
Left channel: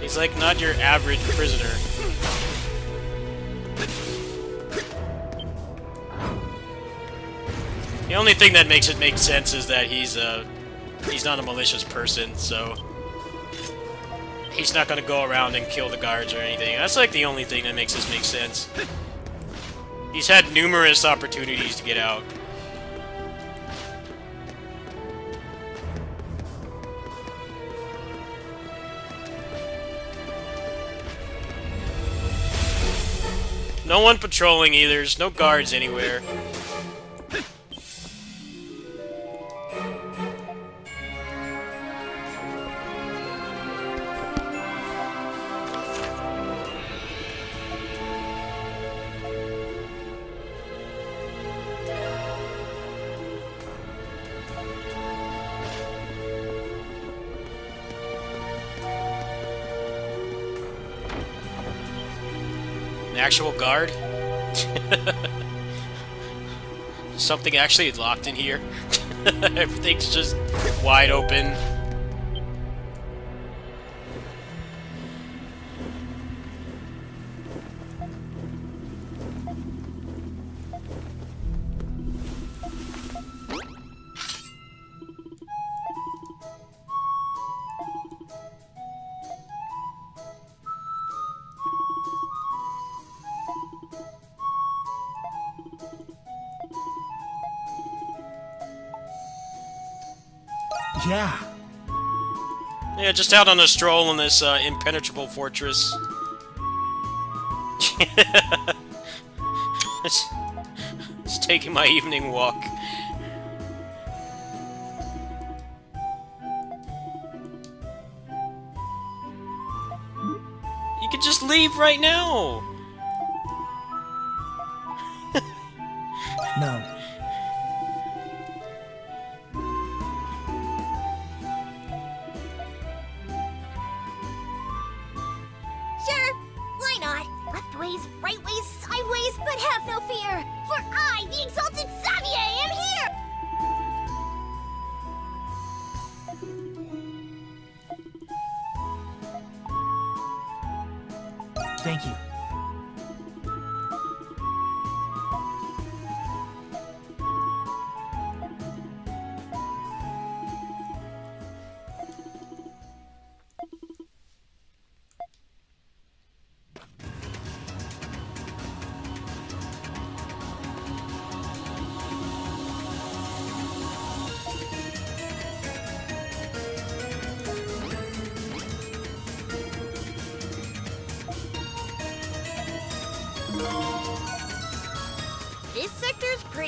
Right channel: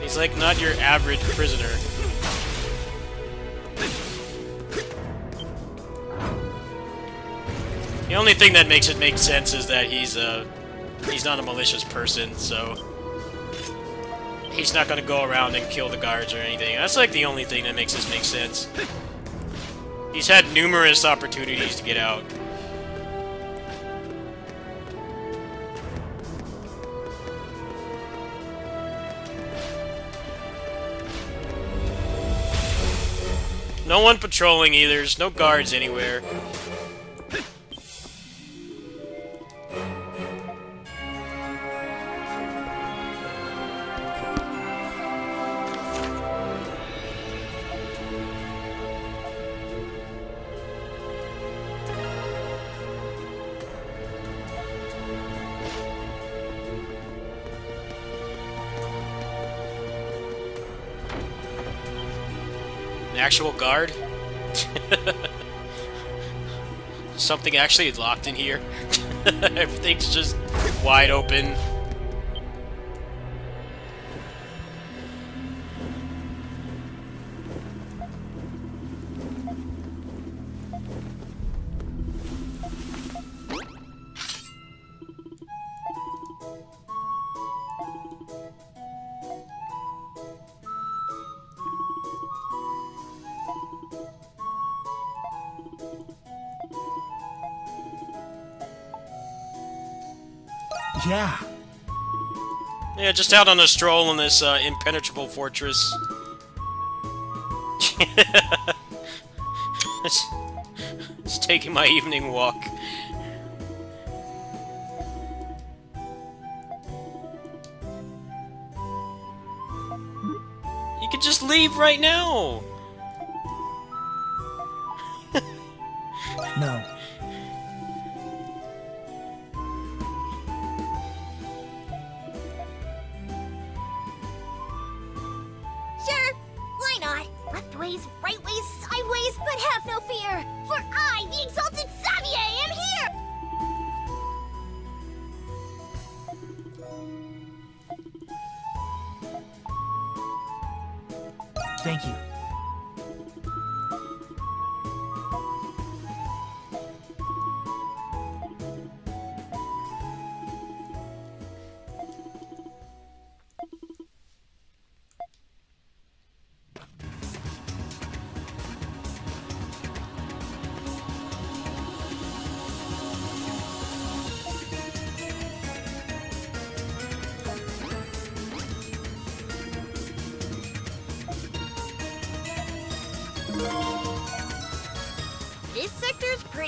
He's, like, not your average prisoner. The only thing that makes it make sense is that he's not a malicious person, so he's not gonna go around and kill the guards or anything. That's, like, the only thing that makes this make sense. He's had numerous opportunities to get out. No one patrolling either. There's no guards anywhere. An actual guard? Something actually locked in here? Everything's just wide open. Yeah. Yeah, just out on a stroll in this impenetrable fortress. It's taking my evening walk. You could just leave right now. No. Sure, why not? Left ways, right ways, sideways, but have no fear, for I, the exalted Xavier, am here! Thank you.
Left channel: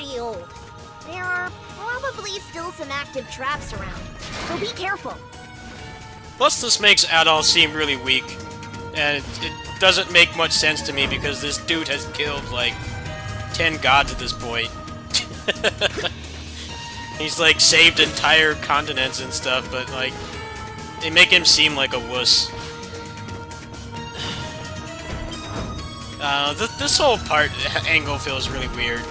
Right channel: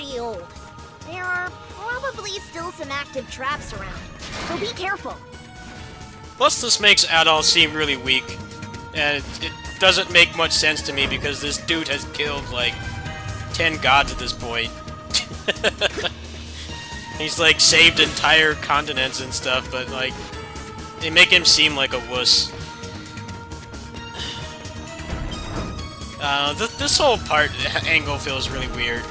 pretty old. There are probably still some active traps around, so be careful. Plus, this makes Adol seem really weak, and it doesn't make much sense to me because this dude has killed, like, 10 gods at this point. He's, like, saved entire continents and stuff, but, like, they make him seem like a wuss. This whole angle feels really weird.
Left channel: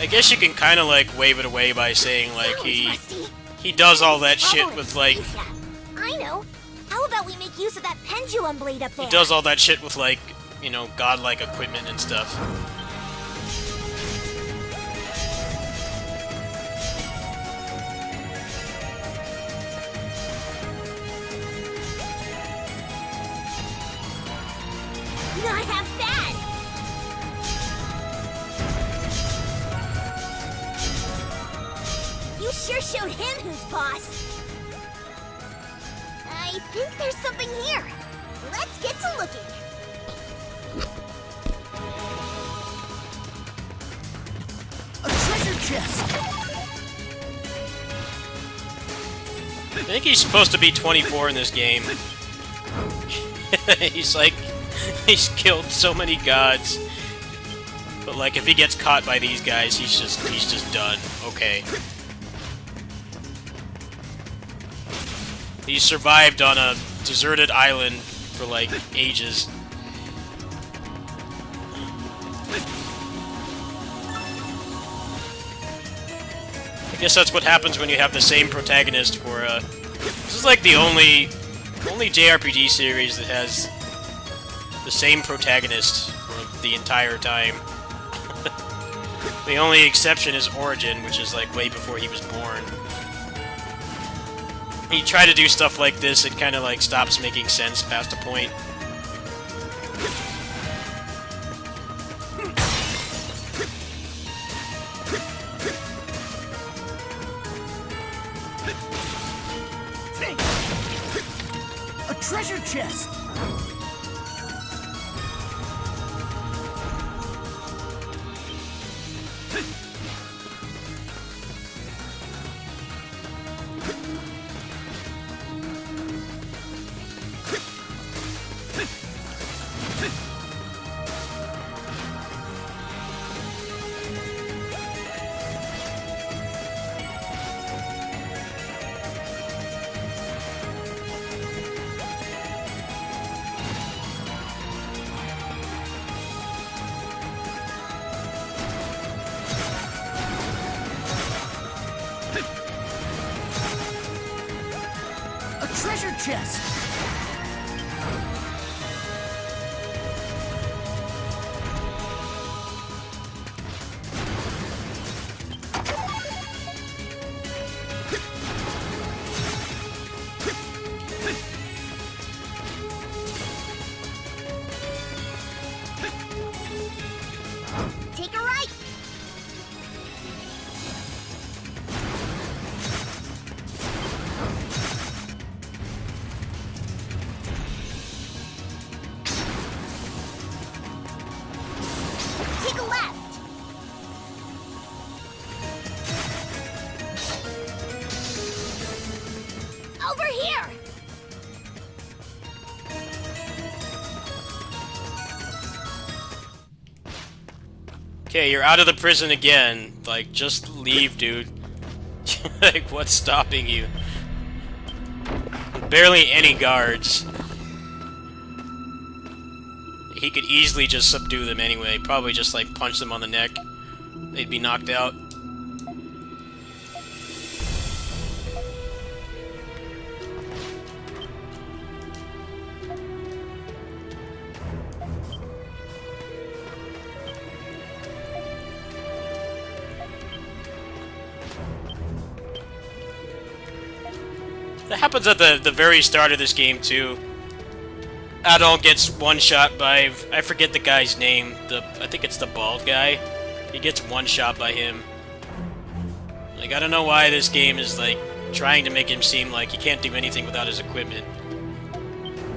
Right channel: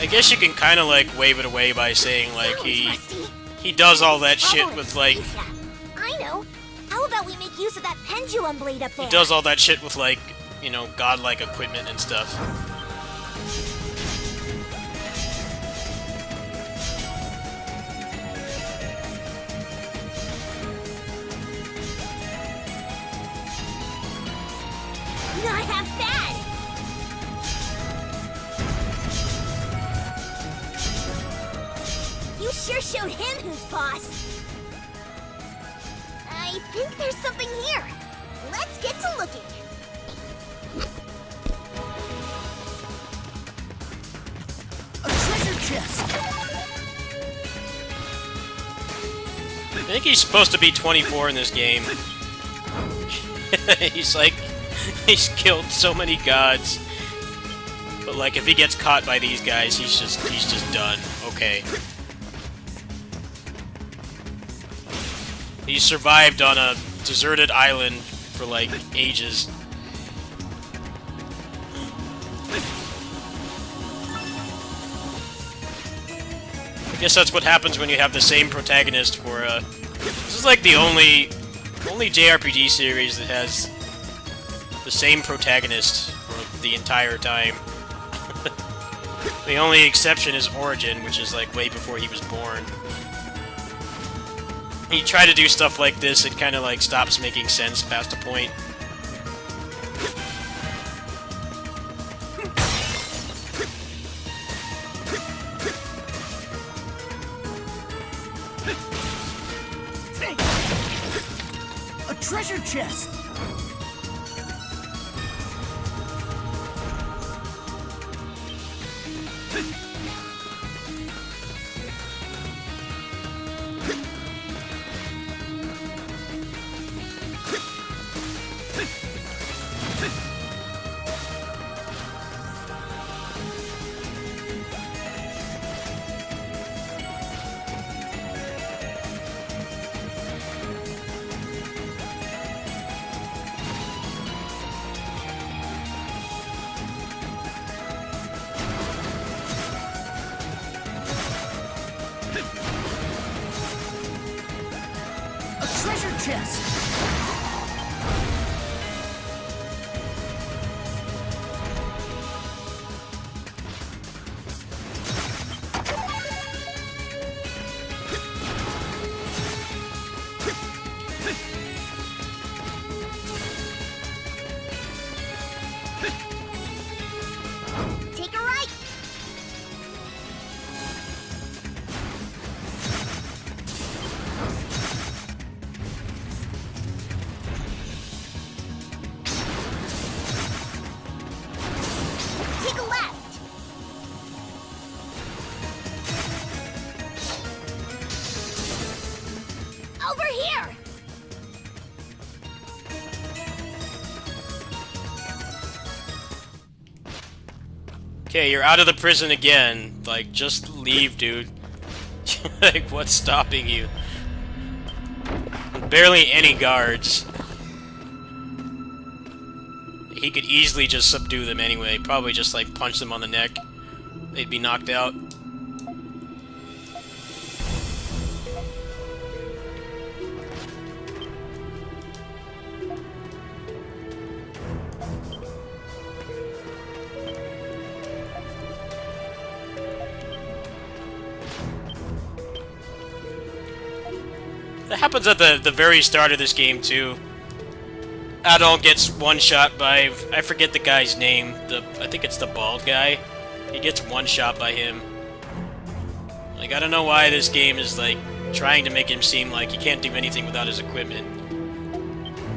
I guess you can kind of, like, wave it away by saying, like, he does all that shit with, like... I know. How about we make use of that pendulum blade up there? He does all that shit with, like, you know, godlike equipment and stuff. Not half bad! You sure showed him who's boss. I think there's something here. Let's get to looking. A treasure chest! I think he's supposed to be 24 in this game. He's like... He's killed so many gods. But like, if he gets caught by these guys, he's just done. Okay. He survived on a deserted island for like ages. I guess that's what happens when you have the same protagonist for this is like the only JRPG series that has the same protagonist for the entire time. The only exception is Origin, which is like way before he was born. You try to do stuff like this, it kind of like stops making sense past a point. A treasure chest! Treasure chest! Take a right! Take a left! Over here! Okay, you're out of the prison again. Like, just leave, dude. Like, what's stopping you? Barely any guards. He could easily just subdue them anyway. Probably just, like, punch them on the neck. They'd be knocked out. That happens at the very start of this game, too. Adol gets one shot by... I forget the guy's name. I think it's the bald guy. He gets one shot by him. Like, I don't know why this game is, like, trying to make him seem like he can't do anything without his equipment.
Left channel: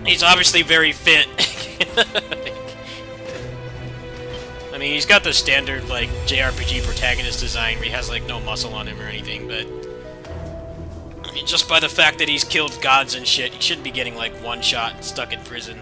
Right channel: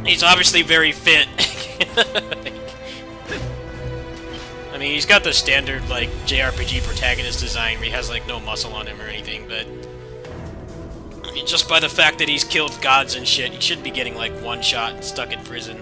He's obviously very fit. I mean, he's got the standard, like, JRPG protagonist design where he has, like, no muscle on him or anything, but... I mean, just by the fact that he's killed gods and shit, he shouldn't be getting, like, one shot and stuck in prison.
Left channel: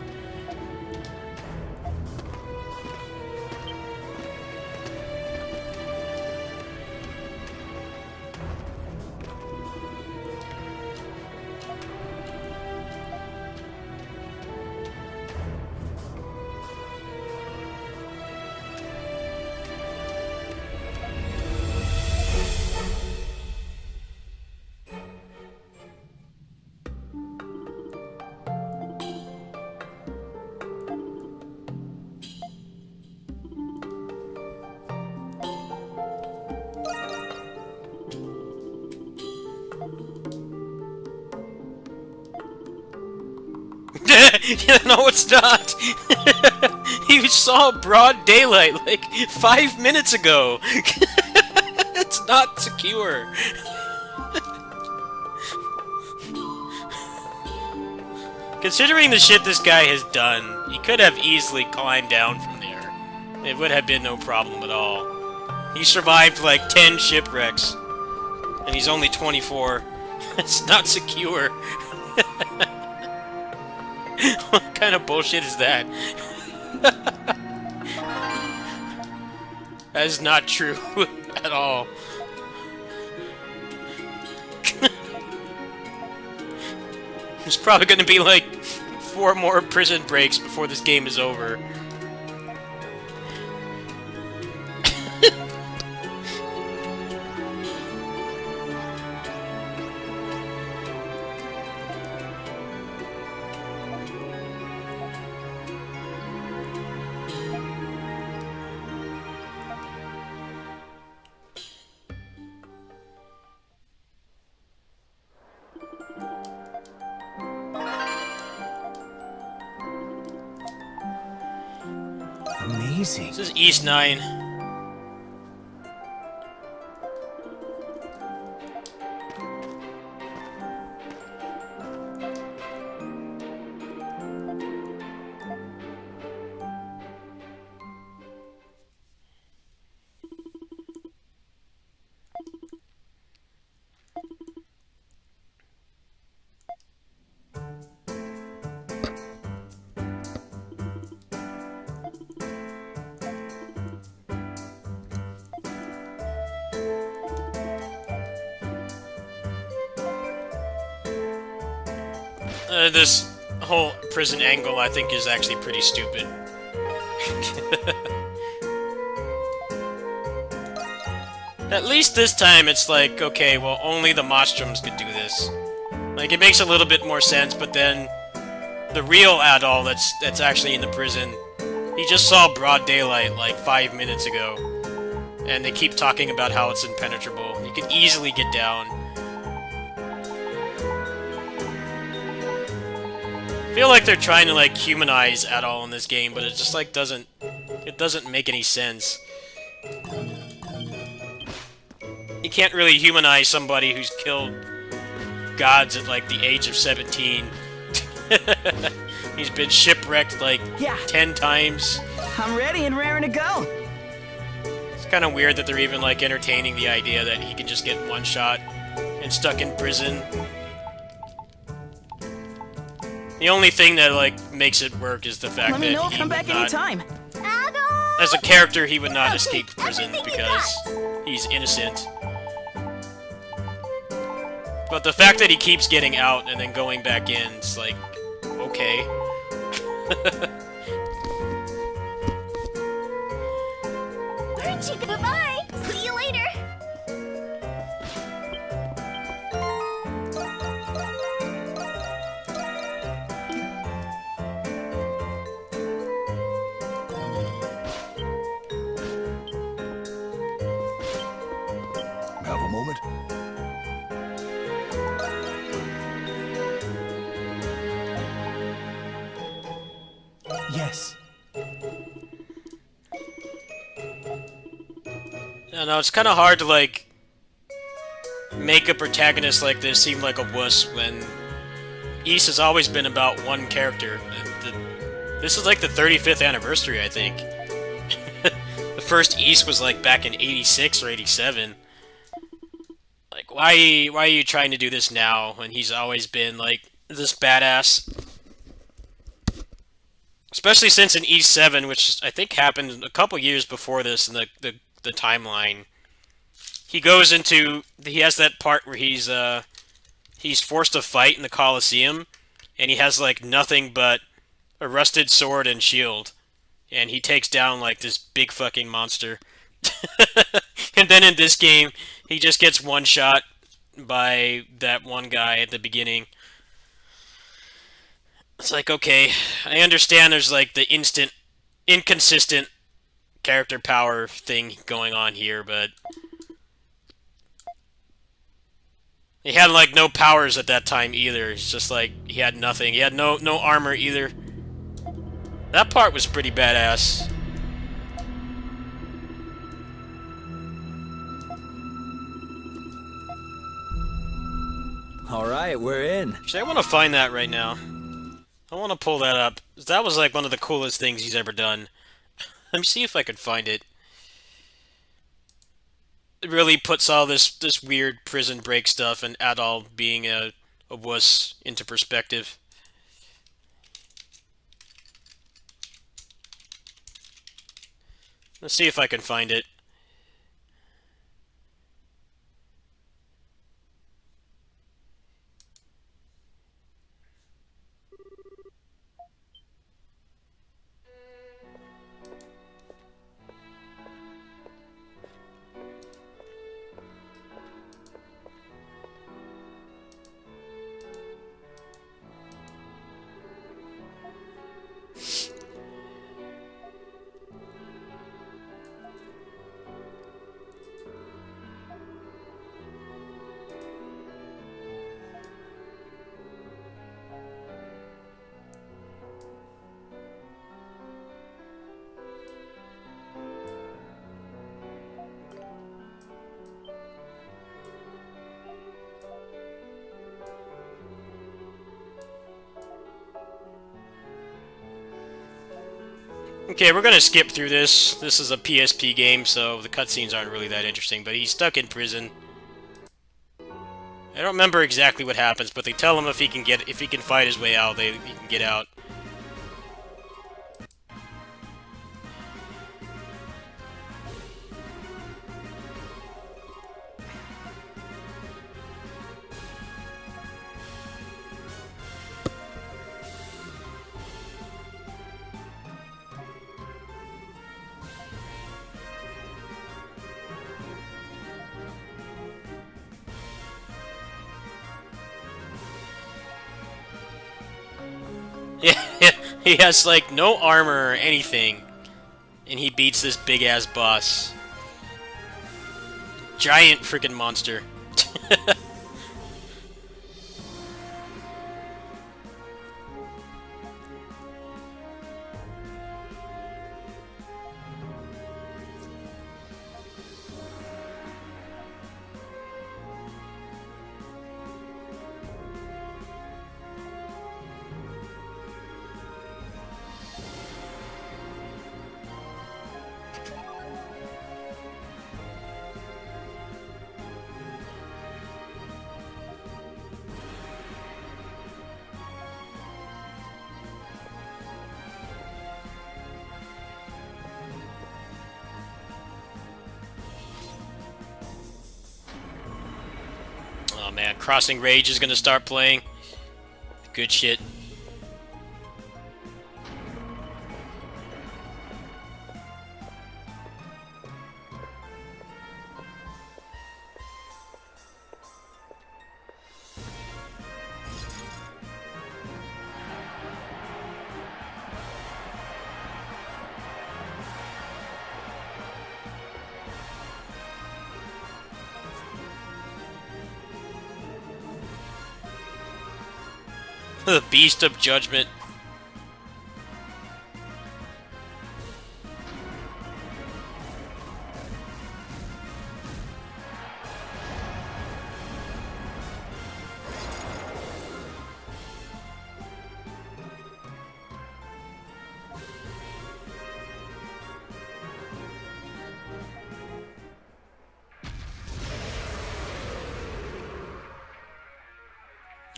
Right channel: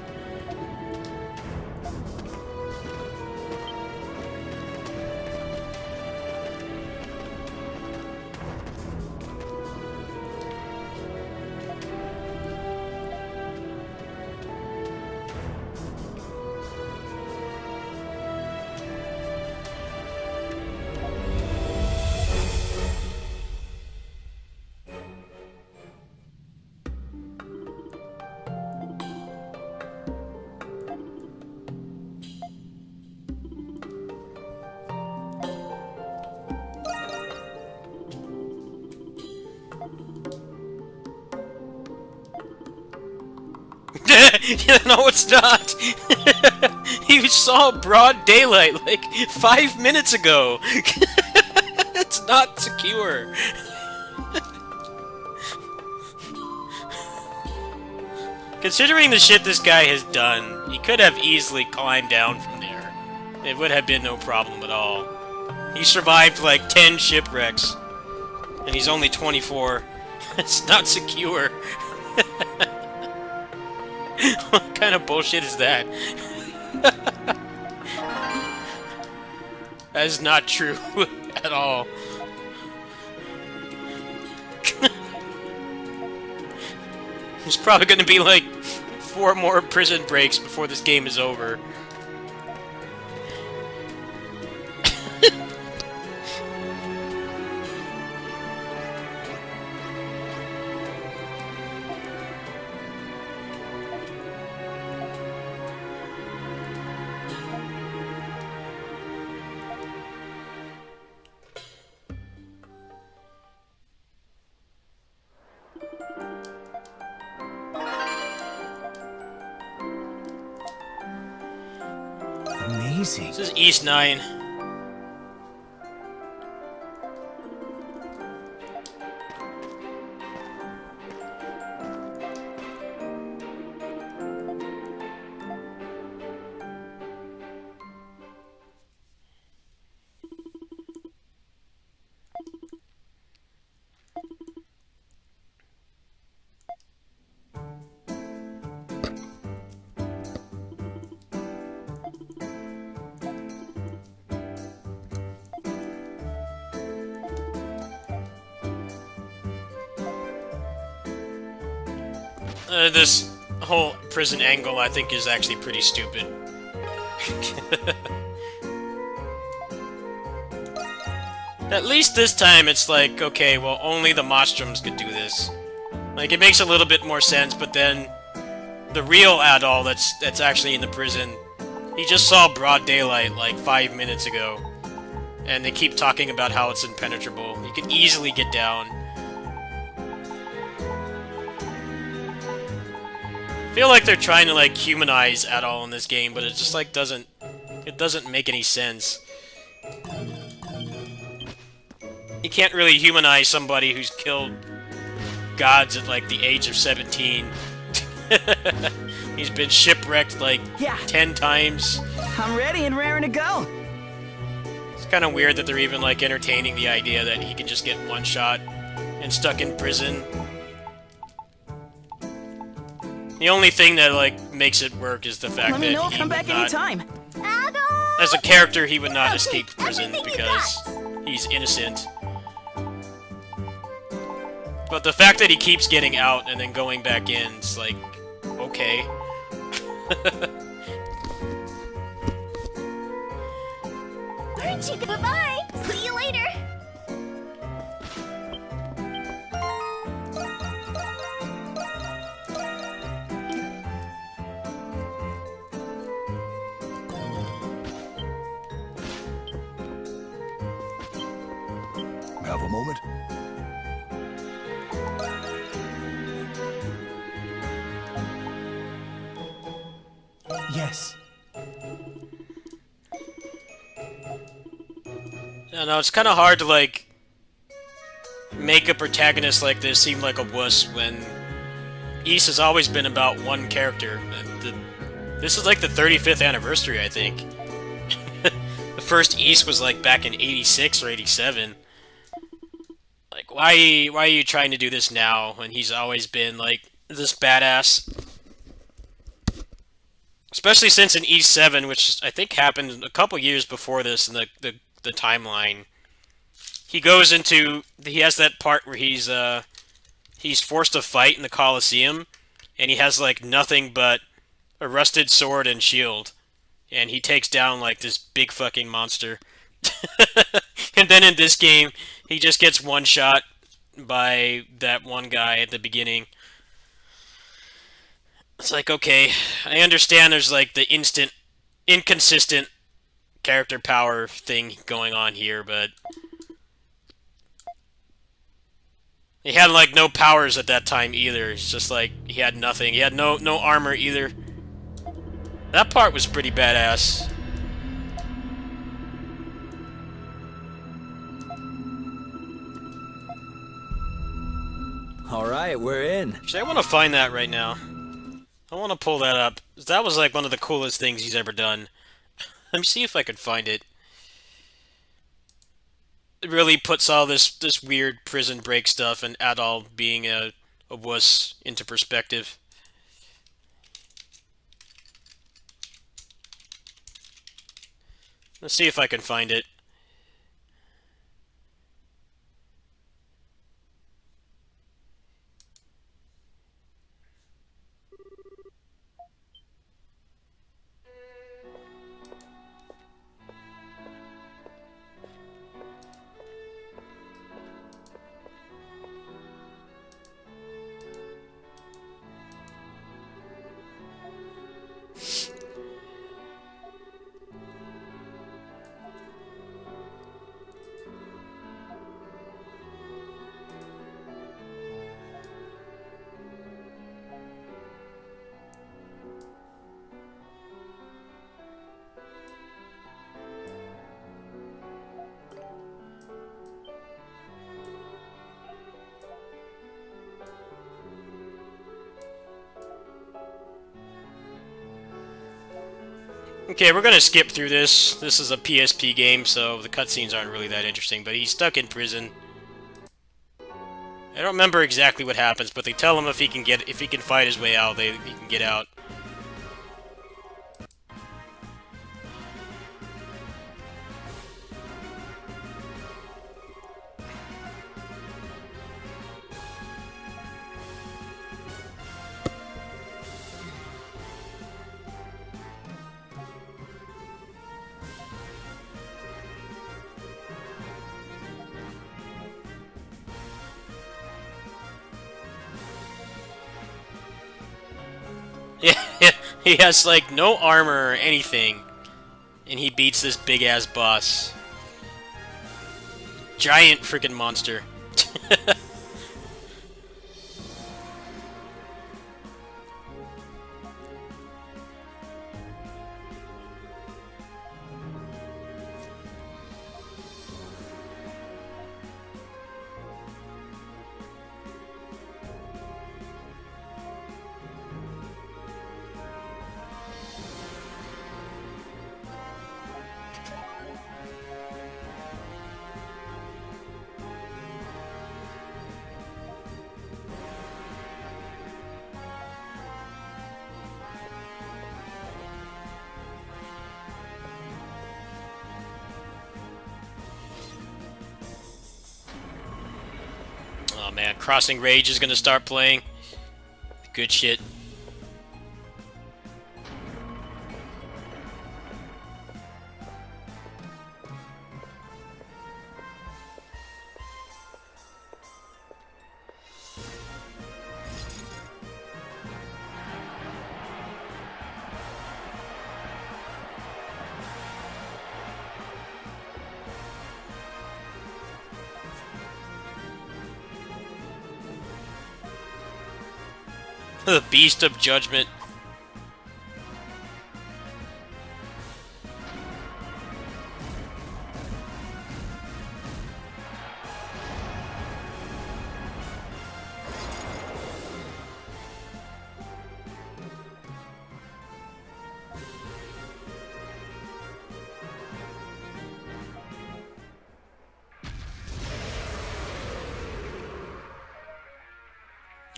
Yeah, no, it's not! You saw broad daylight, like, 5 minutes ago! It's not secure! Considering the shit this guy has done, he could have easily climbed down from there. It would have been no problem at all. He survived, like, 10 shipwrecks. And he's only 24. It's not secure. What kind of bullshit is that? That is not true at all. There's probably going to be like 4 more prison breaks before this game is over. Amazing. This is East 9. This whole prison angle, I think, is actually pretty stupid. At least this time it's like, okay, well, only the Mastroms could do this. Like, it makes a little bit more sense, but then the real Adol that's actually in the prison, he just saw broad daylight like 5 minutes ago. And they keep talking about how it's impenetrable. You can easily get down. I feel like they're trying to, like, humanize Adol in this game, but it just, like, doesn't make any sense. You can't really humanize somebody who's killed gods at, like, the age of 17. He's been shipwrecked, like, 10 times. I'm ready and raring to go. It's kind of weird that they're even, like, entertaining the idea that he can just get one shot and stuck in prison. The only thing that, like, makes it work is the fact Let that me know. he Come would back not, anytime. Adol! as a character, he would not I'll escape take prison everything you because got. he's innocent. But the fact that he keeps getting out and then going back in, it's like, okay. Aren't you? Bye-bye! See you later! Have a moment? Yes. I know, it's kind of hard to, like, make a protagonist like this seem like a wuss when Ys has always been about one character. This is like the 35th anniversary, I think. first East was like back in 86 or 87. Like, why are you trying to do this now when he's always been like this badass? Especially since in East 7, which I think happened a couple years before this in the timeline. He goes into, he has that part where he's forced to fight in the Colosseum, and he has like nothing but a rusted sword and shield, and he takes down like this big fucking monster. And then in this game, he just gets one shot by that one guy at the beginning. It's like, okay, I understand there's like the instant, inconsistent character power thing going on here, but he had like no powers at that time either. It's just like he had nothing. He had no armor either. That part was pretty badass. All right, we're in. Actually, I want to find that right now. I want to pull that up. That was like one of the coolest things he's ever done. Let me see if I can find it. It really puts all this weird prison break stuff and Adol being a wuss into perspective. Let's see if I can find it. Okay, we're gonna skip through this. This is a PSP game, so the cutscenes aren't really that interesting, but he's stuck in prison. I don't remember exactly what happens, but they tell him if he can fight his way out, he can get out. Yeah, he has like no armor or anything, and he beats this big ass boss. Giant freaking monster. Oh man, Crossing Rage is gonna start playing. Good shit. The Beast of Judgment.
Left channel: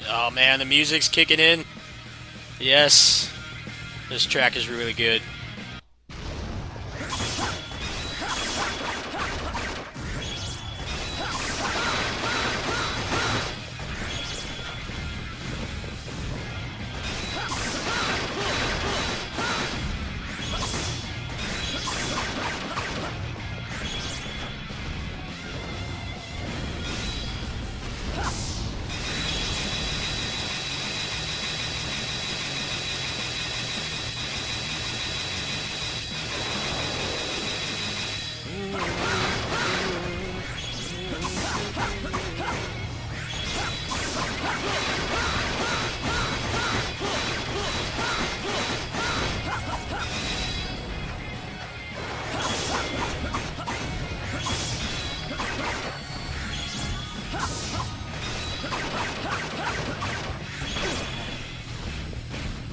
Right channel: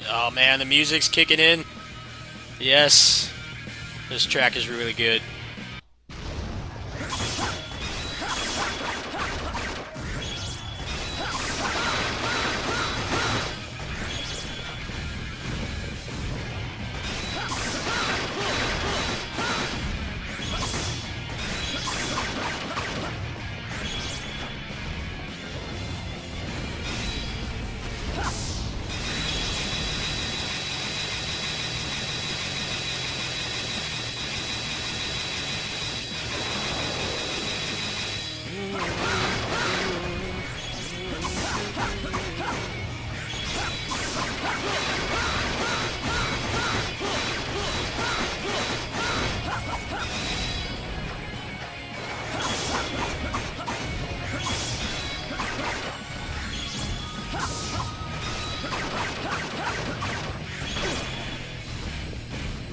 Oh man, the music's kicking in. Yes. This track is really good.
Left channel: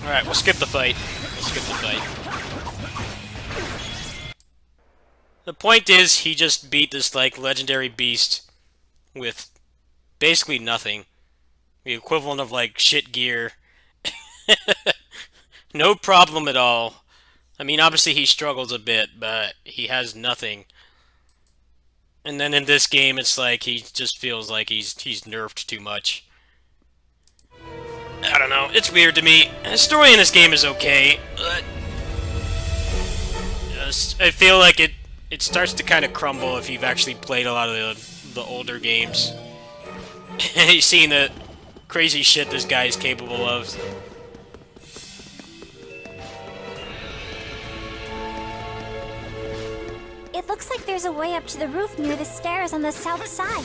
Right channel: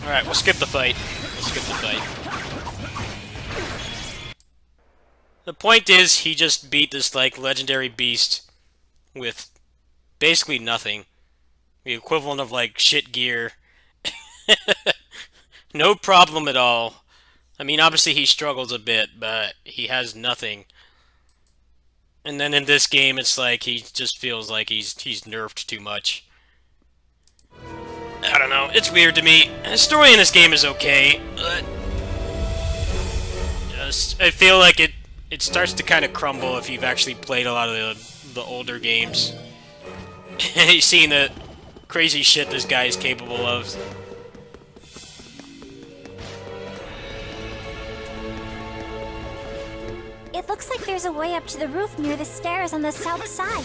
Alright, we'll skip the fight. We'll skip the fight. The point is, he just beat this, like, legendary beast with basically nothing. The equivalent of, like, shit gear. No problem at all. I mean, obviously he struggles a bit, but he has nothing. And then in this game, it's like he just feels like he's nerfed too much. I don't know, it's weird to me. The story in this game is okay, but I feel like it starts to kind of crumble if you've actually played a lot of the older games. You've seen the crazy shit this guy is capable of. It looks like there's a way up to the roof near the stairs on the south side.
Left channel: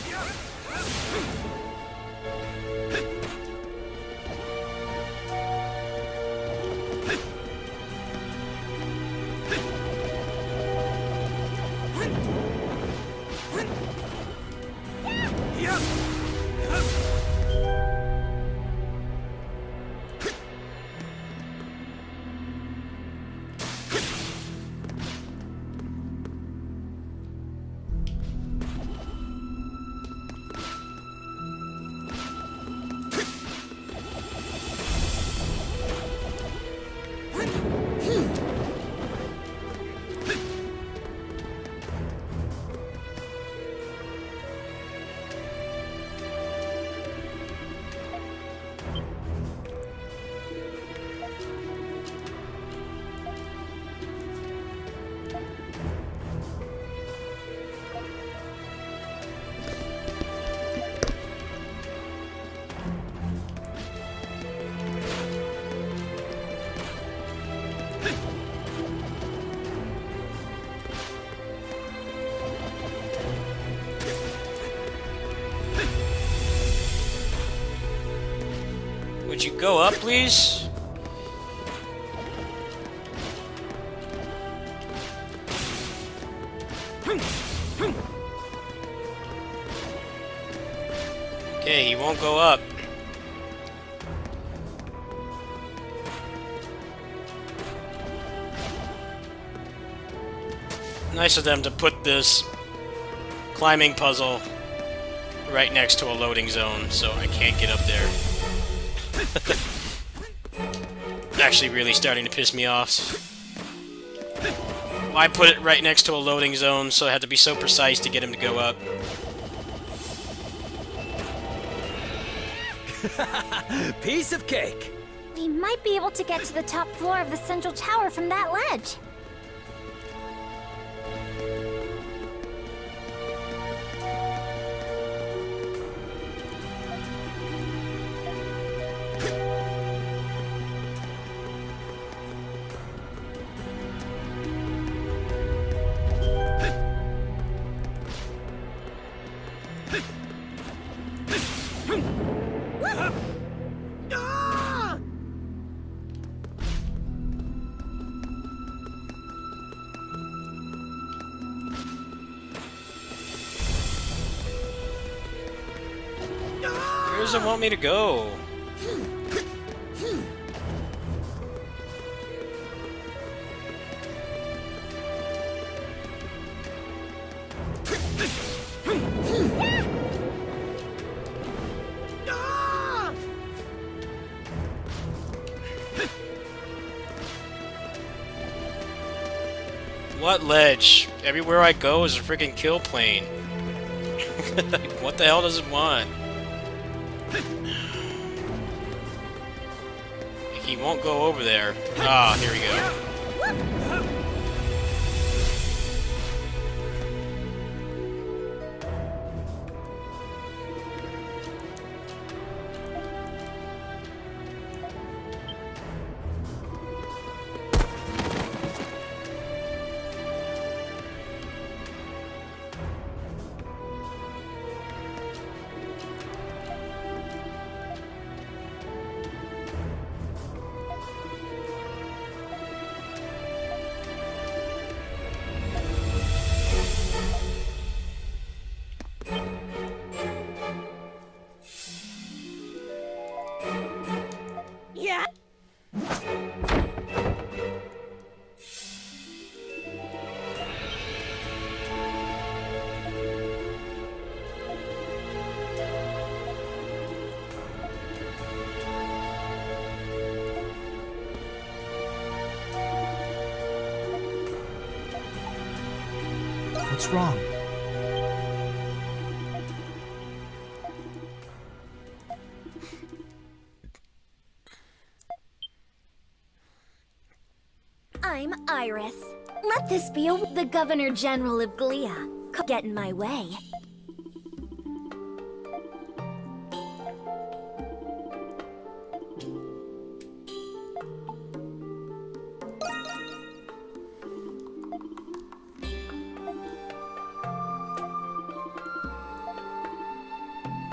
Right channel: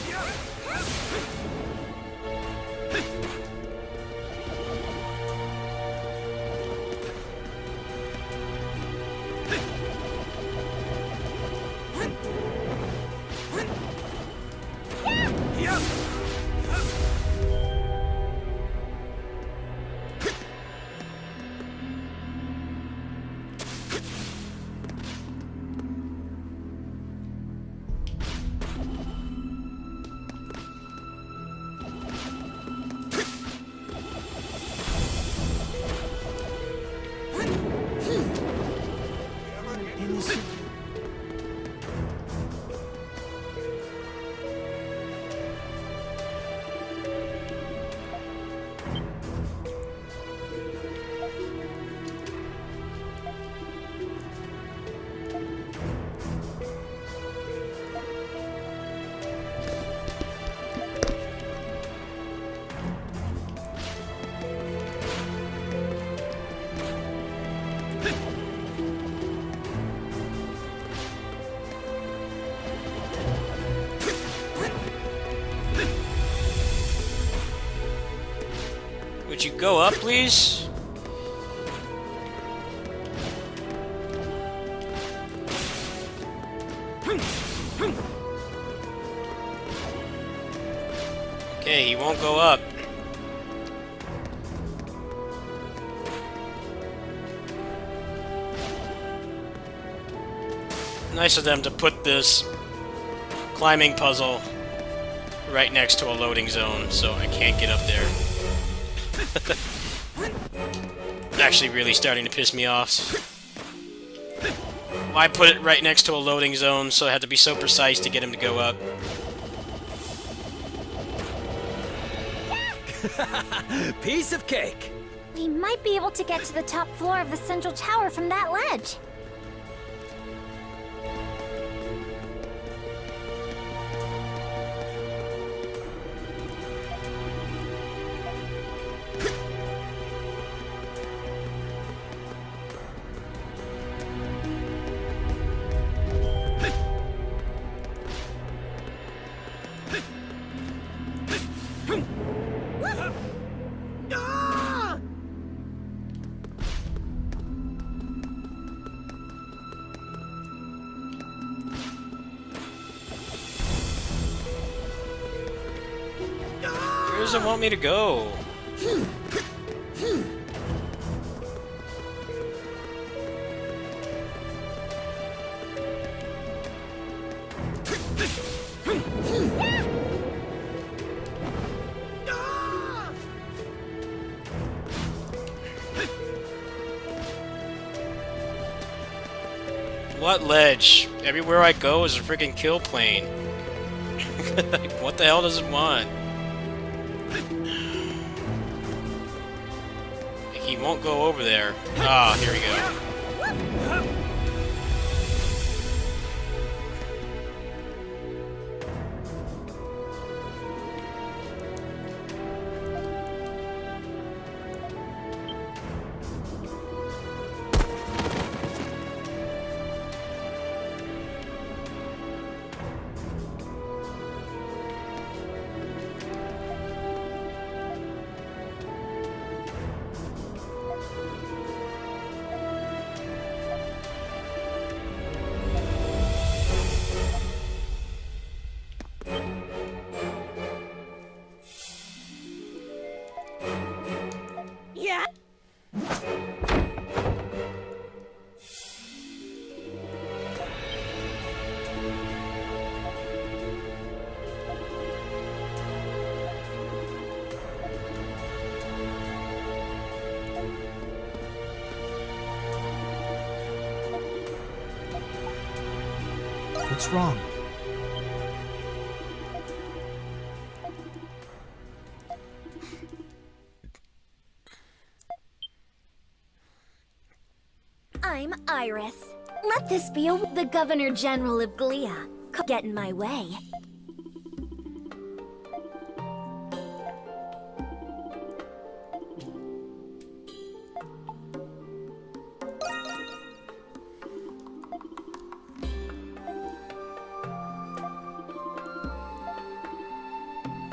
Would you go up, please? Okay, he won't go up. Nice of them to put this climbing puzzle right next to a loading zone, so I can't get up there. Actually really starting to piss me off. Why put it right next to a loading zone so I had to be so precise to get him to go up? Piece of cake. We might be able to get to the top floor of the central tower from that ledge. Where does it want me to go? What ledge? Everywhere I go is a freaking kill plane. Like, what the hell does it want? He won't go over there. Ah, here we go. Yeah. What's wrong? I'm Iris. Let this be the Governor General of Glia. Get in my way.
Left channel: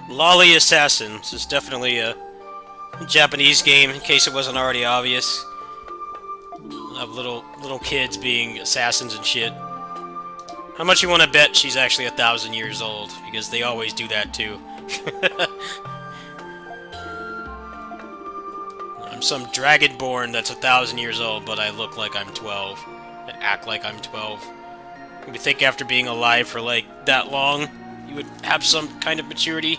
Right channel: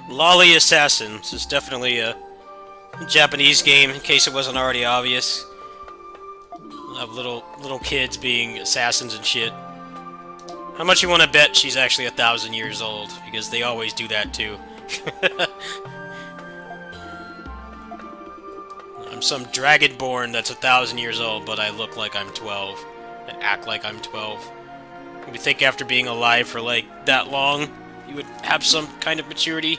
Lolly Assassin. This is definitely a Japanese game, in case it wasn't already obvious. Of little kids being assassins and shit. How much you want to bet she's actually 1,000 years old? Because they always do that too. I'm some dragonborn that's 1,000 years old, but I look like I'm 12. I act like I'm 12. You think after being alive for like that long, you would have some kind of maturity?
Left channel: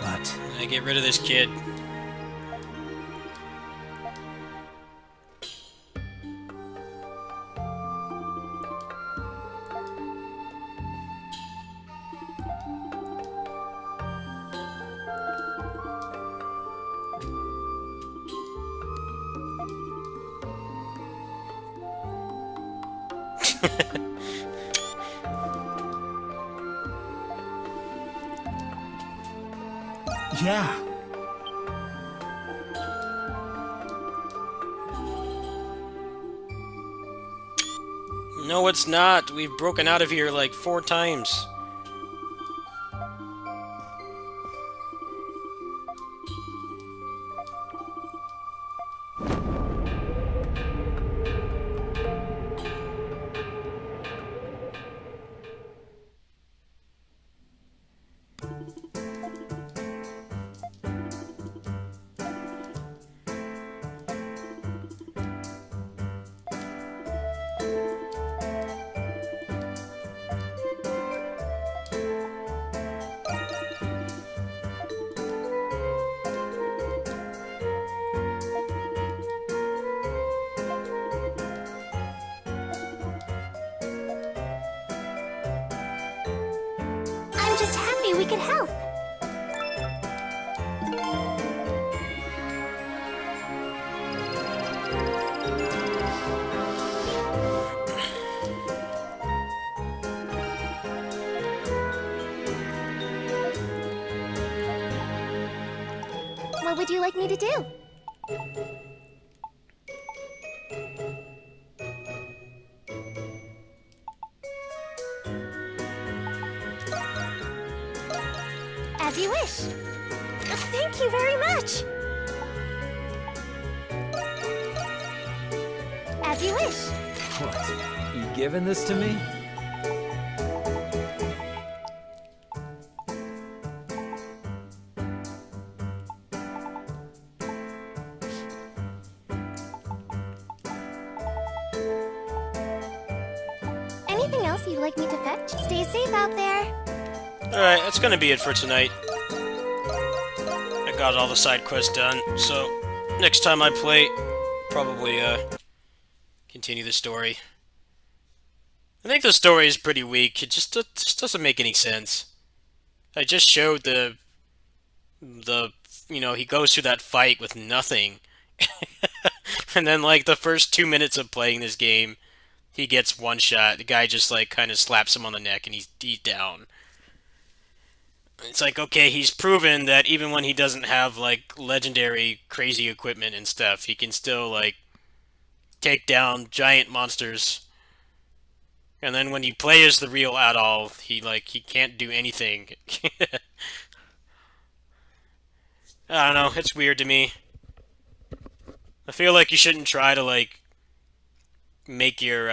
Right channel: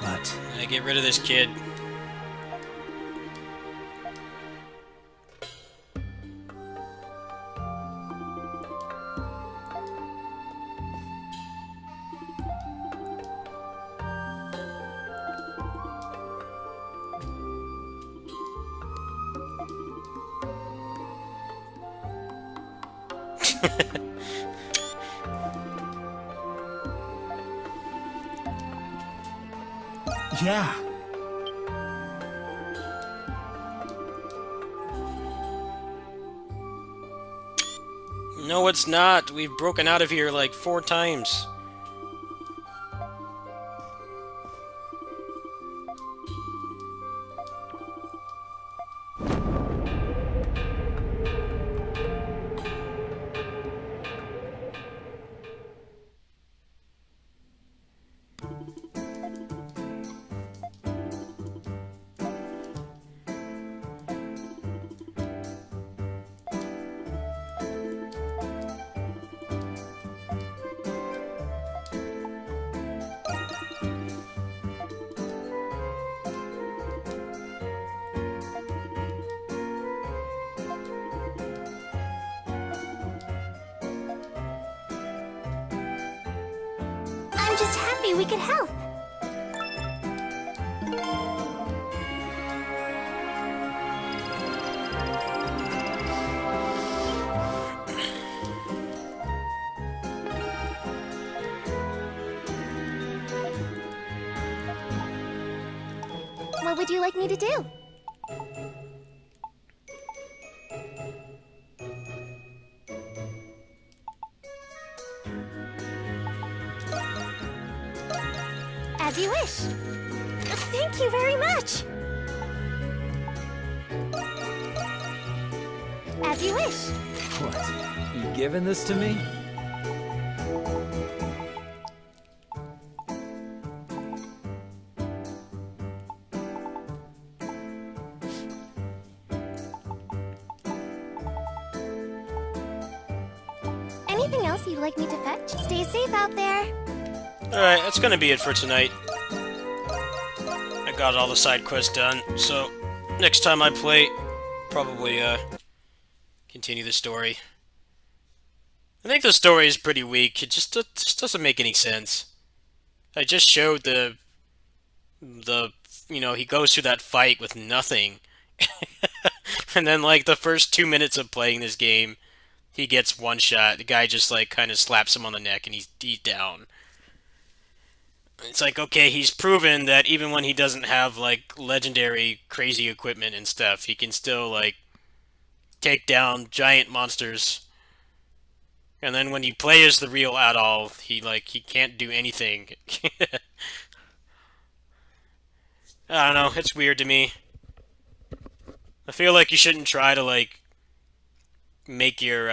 What? Get rid of this kid. Yeah. No, it's not. We've broken out of here like 4 times. I'm just happy we could help. What would you like me to do? As you wish. Thank you very much. As you wish. What? You giving this to me? anything else you'd like me to fetch? Stay safe out there. Alright, that's gonna be it for tonight. I got all the side quests done, so next time I play, probably continue the story. I think the story is pretty weak. It just doesn't make any sense. I just showed the you know, he goes through that fight with nothing. And then like the first 2 minutes of playing this game, he gets one shot. The guy just like kind of slaps him on the neck and he's down. It's like, okay, he's proven that even when he doesn't have like legendary crazy equipment and stuff, he can still like take down giant monsters. And then when you play as the real Adol, he can't do anything. I don't know, it's weird to me. I feel like you shouldn't try to like make your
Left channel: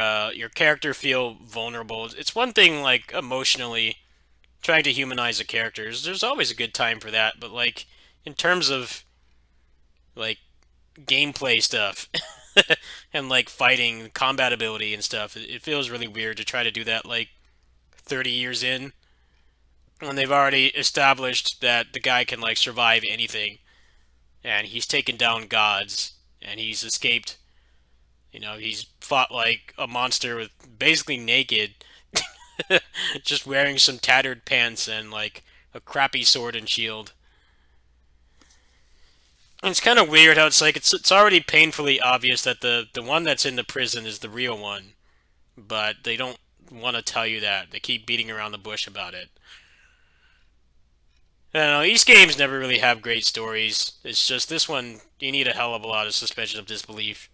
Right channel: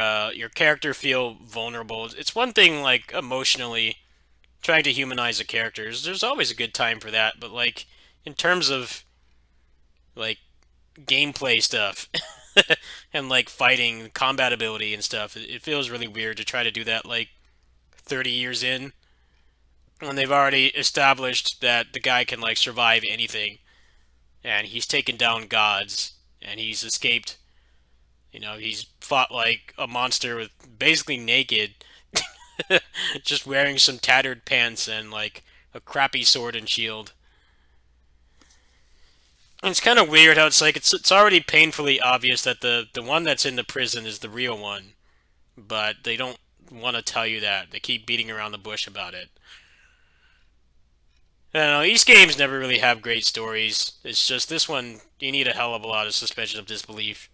character feel vulnerable. It's one thing like emotionally trying to humanize a character. There's always a good time for that, but like in terms of like gameplay stuff and like fighting, combat ability and stuff, it feels really weird to try to do that like 30 years in when they've already established that the guy can like survive anything and he's taken down gods and he's escaped. You know, he's fought like a monster with basically naked, just wearing some tattered pants and like a crappy sword and shield. And it's kind of weird how it's like it's already painfully obvious that the one that's in the prison is the real one, but they don't want to tell you that. They keep beating around the bush about it. I don't know, these games never really have great stories. It's just this one, you need a hell of a lot of suspension of disbelief.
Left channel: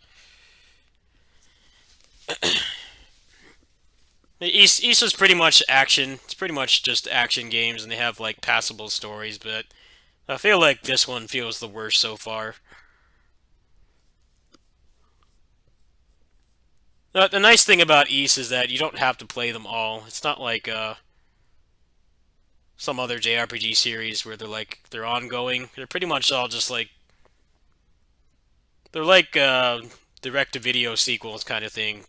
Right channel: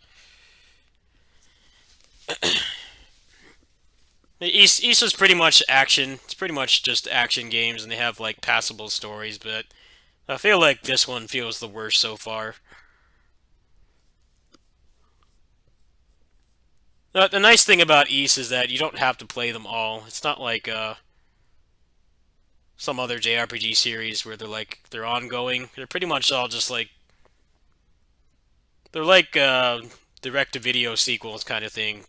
Issa's pretty much action. It's pretty much just action games, and they have like passable stories, but I feel like this one feels the worst so far. The nice thing about Ys is that you don't have to play them all. It's not like some other JRPG series where they're ongoing. They're pretty much all just like they're like direct-to-video sequels kind of thing.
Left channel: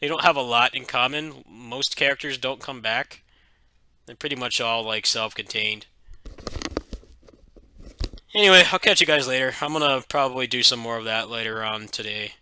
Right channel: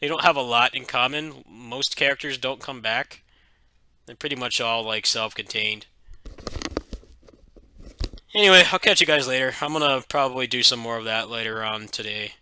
They don't have a lot in common. Most characters don't come back. They're pretty much all like self-contained. Anyway, I'll catch you guys later. I'm gonna probably do some more of that later on today.